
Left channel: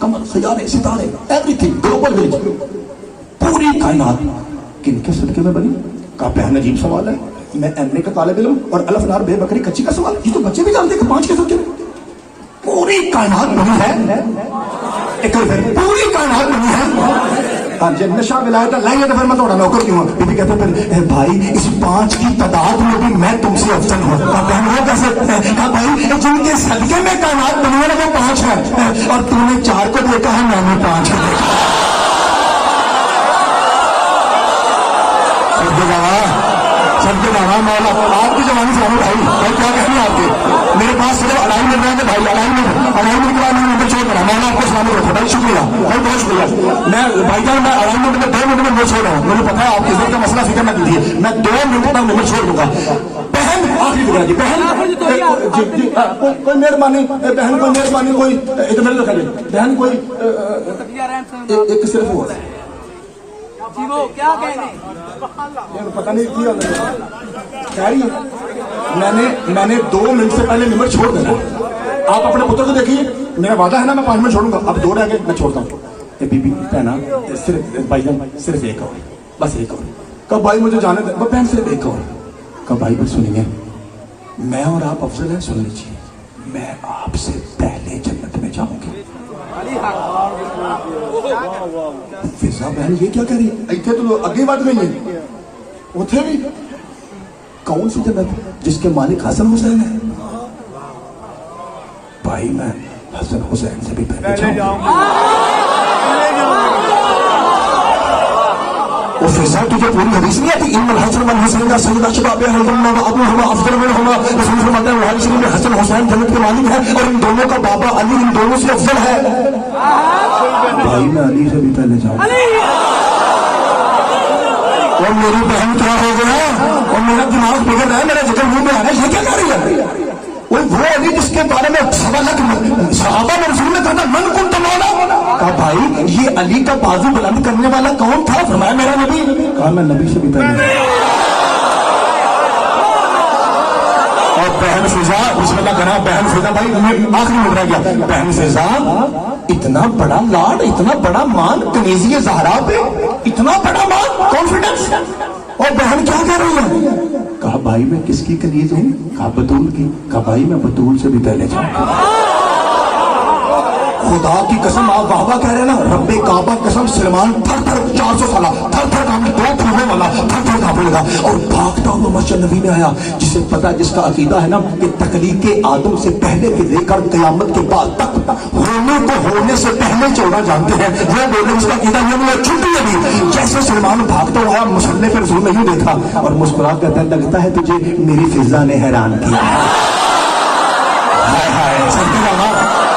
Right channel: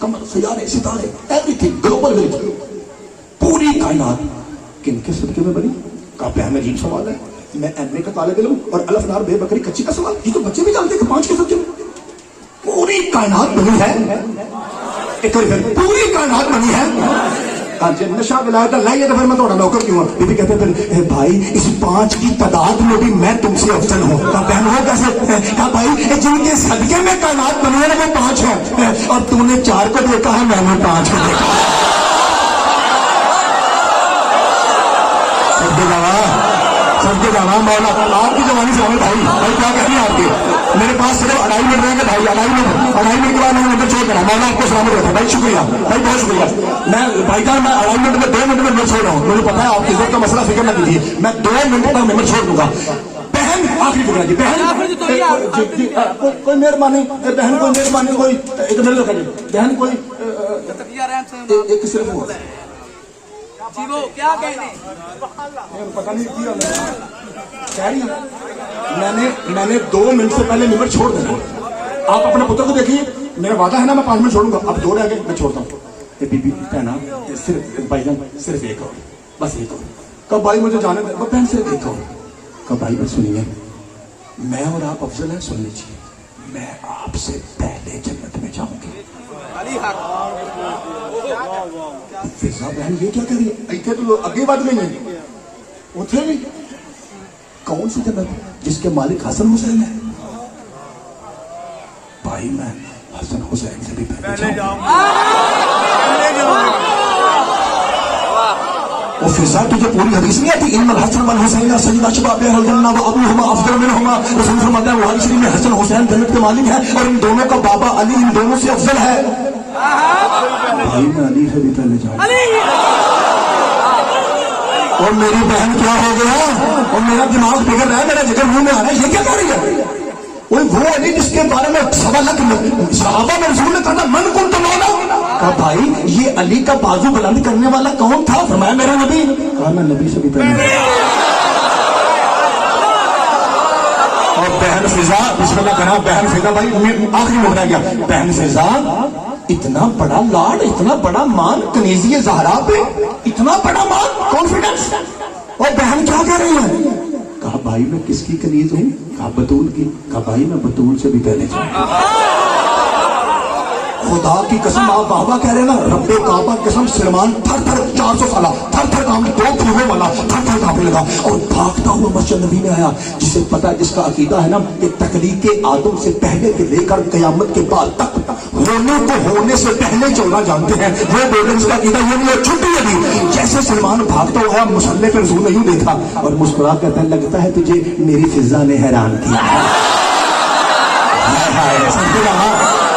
कमर सितारे सितारे एवरीथिंग ग्लोबल विलेज, पूरी कायनात किनके सदके में बनी? का बहन अजीब सवाल है, मैं एमए का तालिब इल्म और अलफ नार बेबकरी कच्ची का सवाल, ये तो बच्चे भी जानते हैं 5 के सदके में पूरी कायनात बनी है। एक और पूरी कायनात बनी है। जब नशा विलायत लाइए तो फिर मैं थोड़ा नौकर क्यों? बीबी कहते फिर भाई इस 5 की तादाद में भी मैं तुमसे अफजल हूँ। बहन हो कैसे? कहा भाई जिनके सदके में कायनात बनी है ना 5 है, और तुमने 4 को देखा है, मैंने 5 को देखा। सबके जाना मौला आपकी जवानी से भाई क्या कहनी है आपके? मेरे पास सिर्फ 2.5 मिनट रहेंगे भाई, 2.5 मिनट मैंने चेक करा, मैंने आपको सलामत रखा भाई, शुक्रिया भाई, बहुत शुक्रिया। मैं भाई साहब मैं 2.5 मिनट में 2 मिनट में मैं छोड़ रहा हूँ, मुझे पता है आपके का मसला फिक्र न कीजिए, मैं 2 मिनट तक मैं छोड़ दूंगा। बहन आखिरी फिक्र जी, बहन कोई मेहरबानी, बहन कोई मेहरबानी, कोई इधर रखा जी बहन, कोई एक सिर्फ हो पता नहीं मैंने 2 मिनट से पहले नंबर छोड़ दिया। आप अपने पुत्र को देखिए, मेरा वादा है ना मैं 5 मिनट छोड़ूंगा, अब 2 रह गए, मैं छोड़ता हूँ। बीबी कहना सिर्फ भाई सिर्फ एक और, बस एक और। कब भाई मुझे जाने दे, बहन सिर्फ एक और। कब भाई बस सुनिए, मैं और आप अफजल है, सुन लीजिए, मैं आपसे पहले जन्नत में जाऊंगी। फिजा बहन ये क्या कह रही है? इतने तो आगे बात में नहीं उठे भी, कौन सी जन्नत जिसके मालिक हसन हुसैन है? भाई मैं हसन हुसैन से भी पहले जाऊंगा। फिजा तुझे पूरी हदीस नहीं आती? इन हसन वल हुसैन का सईदा शुदा पे हजन्ना व अबू हुमा अफजल मिनहुमा, रसूल फरमाते हैं बुखारी शरीफ में हसन हुसैन जन्नत के मालिक है और इन दोनों का बाबा अली इन दोनों से अफजल है। भाई मैं अली से भी पहले जाऊंगा। और मेरी बहन क्या हो गया, और मेरा दिमाग बिगड़ रहा है, मेरा जिक्र मुंह में आ रहा है, ये क्या कर रही है? वो अली जिसके बारे में सहाबा ने रसूल ने कहा मन कुन तमाना, कहा भाई ये अली का बाजू बुलंद करने वाला कौन था? फरमाया मेरा नबी। कहा मैं नबी से भी पहले। और बहन फिजा बिस्मिल्लाह करा, बहन फिजा भाई आखिरी मिल रहा गया, बहन फिजा इतना बड़ा लाड, इतना बड़ा मान कनीज़ी ज़हरा पे, इतना बड़ा मान, कॉन्फिडेंस। और बहन क्या कह रही है? कहा भाई मैं किसकी कनीज हूँ? कहा बतूल की। कहा भाई मैं बतूल से भी पहले जाऊंगा। खुदा की कसम, आप बाबा कह रहे हैं ना, रब्बे काबा कसम, सलमान थर थर 400 साल थर थर काम 2 फूलों वाला थर थर कांपने लगा और भागता हुआ मस्जिद नबी में आया। जिसे पता है, जिसका अकीदा है ना कि तकलीक आदम से पहले से लेकर कयामत के बाद तक होने को होने से पहले चलना जानते हैं, ये बोले उसका अकीदा ये छुट्टी लगी। जैसे सलमान भागता हुआ आया, मुसल्ले पर रसूल नहीं देखा और मुस्कुरा कहता है, लगता है तुझे मेरी फिजा ने हैरान किया।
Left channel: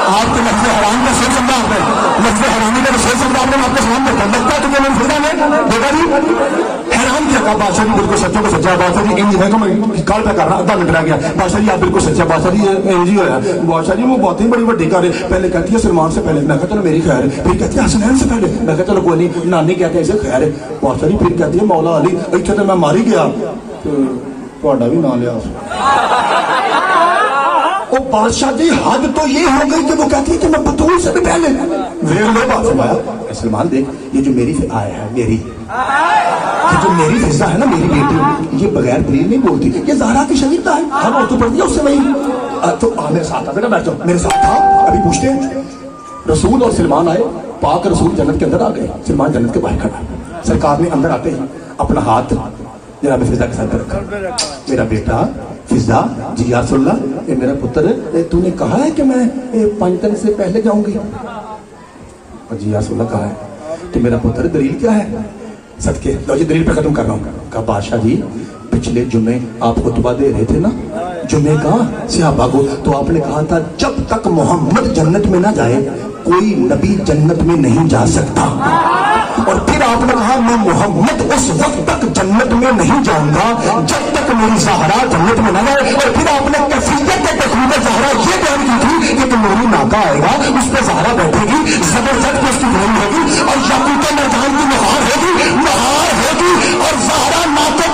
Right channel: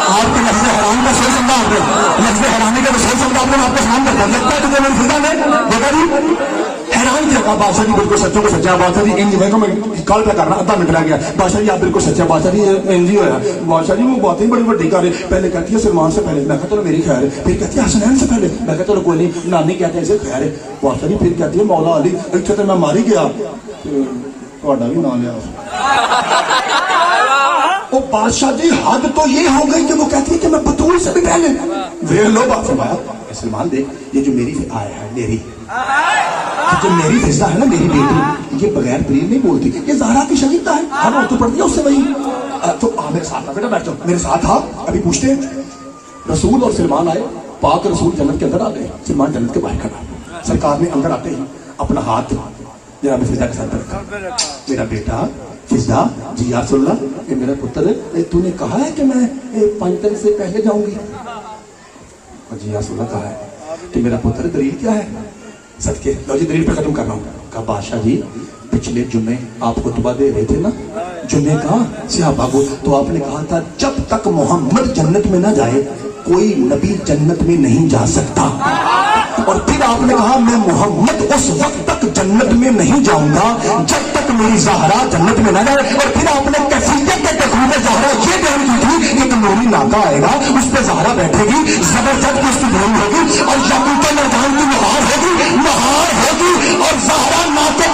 आपके लफ्ज़ हराम का सही समझा, आपने लफ्ज़ हरामी का सही समझा, आपने आपको सलाम करता है, लगता है तुझे मेरी फिजा ने बेटा जी हैरान किया। बादशाह जी बिल्कुल सच्चे को सच्चा, बादशाह जी इन जगह मैं कॉल पे करना आधा मिनट रह गया, बादशाह जी आप बिल्कुल सच्चा, बादशाह जी एनजी हो रहा है, बादशाह जी वो बहुत ही बड़ी बड़ी कर रहे। पहले कहती है सलमान से पहले, मैं कहता चलो मेरी खैर है, फिर कहती है हसनैन से पहले, मैं कहता चलो कोई नहीं, नानी कहते ऐसे खैर है। बादशाह जी फिर कहती है मौला अली, इतने तो मैं मारी गया, थोड़ा भी ना लिया। ओ बादशाह जी हद तो ये हो गई कि वो कहती है कि मैं बतूल से भी पहले सलमान देख, ये जो मेरी आया है, मेरी जो मेरी फिजा है ना, मेरी बेटी, ये बगैर दलील नहीं बोलती, ये ज़हरा की शरीका है, हम और तो पढ़ दिया उससे वही। तो मेरे साथ आ, बैठ जाओ मेरे साथ आ, अभी पूछते हैं। रसूल और सलमान आए, पाक रसूल जन्नत के अंदर आ गए, सलमान जन्नत के बाहर खड़ा। सरकार ने अंदर आते ही अपना हाथ जनाब फिजा के साथ रखा, मेरा बेटा फिजा जी या सुल्ला, ये मेरा पुत्र, तूने कहा है कि मैं 5 दिन से पहले जाऊंगी। जी या सुल्ला कहा है कि मेरा पुत्र, दलील क्या है? सदके लो जी दलील पे खत्म कर रहा हूँ। कहा बादशाह जी पिछले जुम्मे आप खुतबा दे रहे थे ना, जुम्मे का सहाबा को, तो आपने कहा था जब तक मोहम्मद जन्नत में ना जाए कोई नबी जन्नत में नहीं जा सकता। और फिर आपने कहा मैं मोहम्मद उस वक्त तक जन्नत में नहीं जाऊंगा जब तक मेरी ज़हरा जन्नत में ना जाए। और फिर आपने कैफियत तकरीब ज़हरा ये बयान की थी कि मेरी नाका आएगा, इस पर ज़हरा बैठेगी, जबरदस्त उसकी धर्म होगी और याकूत मरजान की नहार होगी और ज़हरा नाके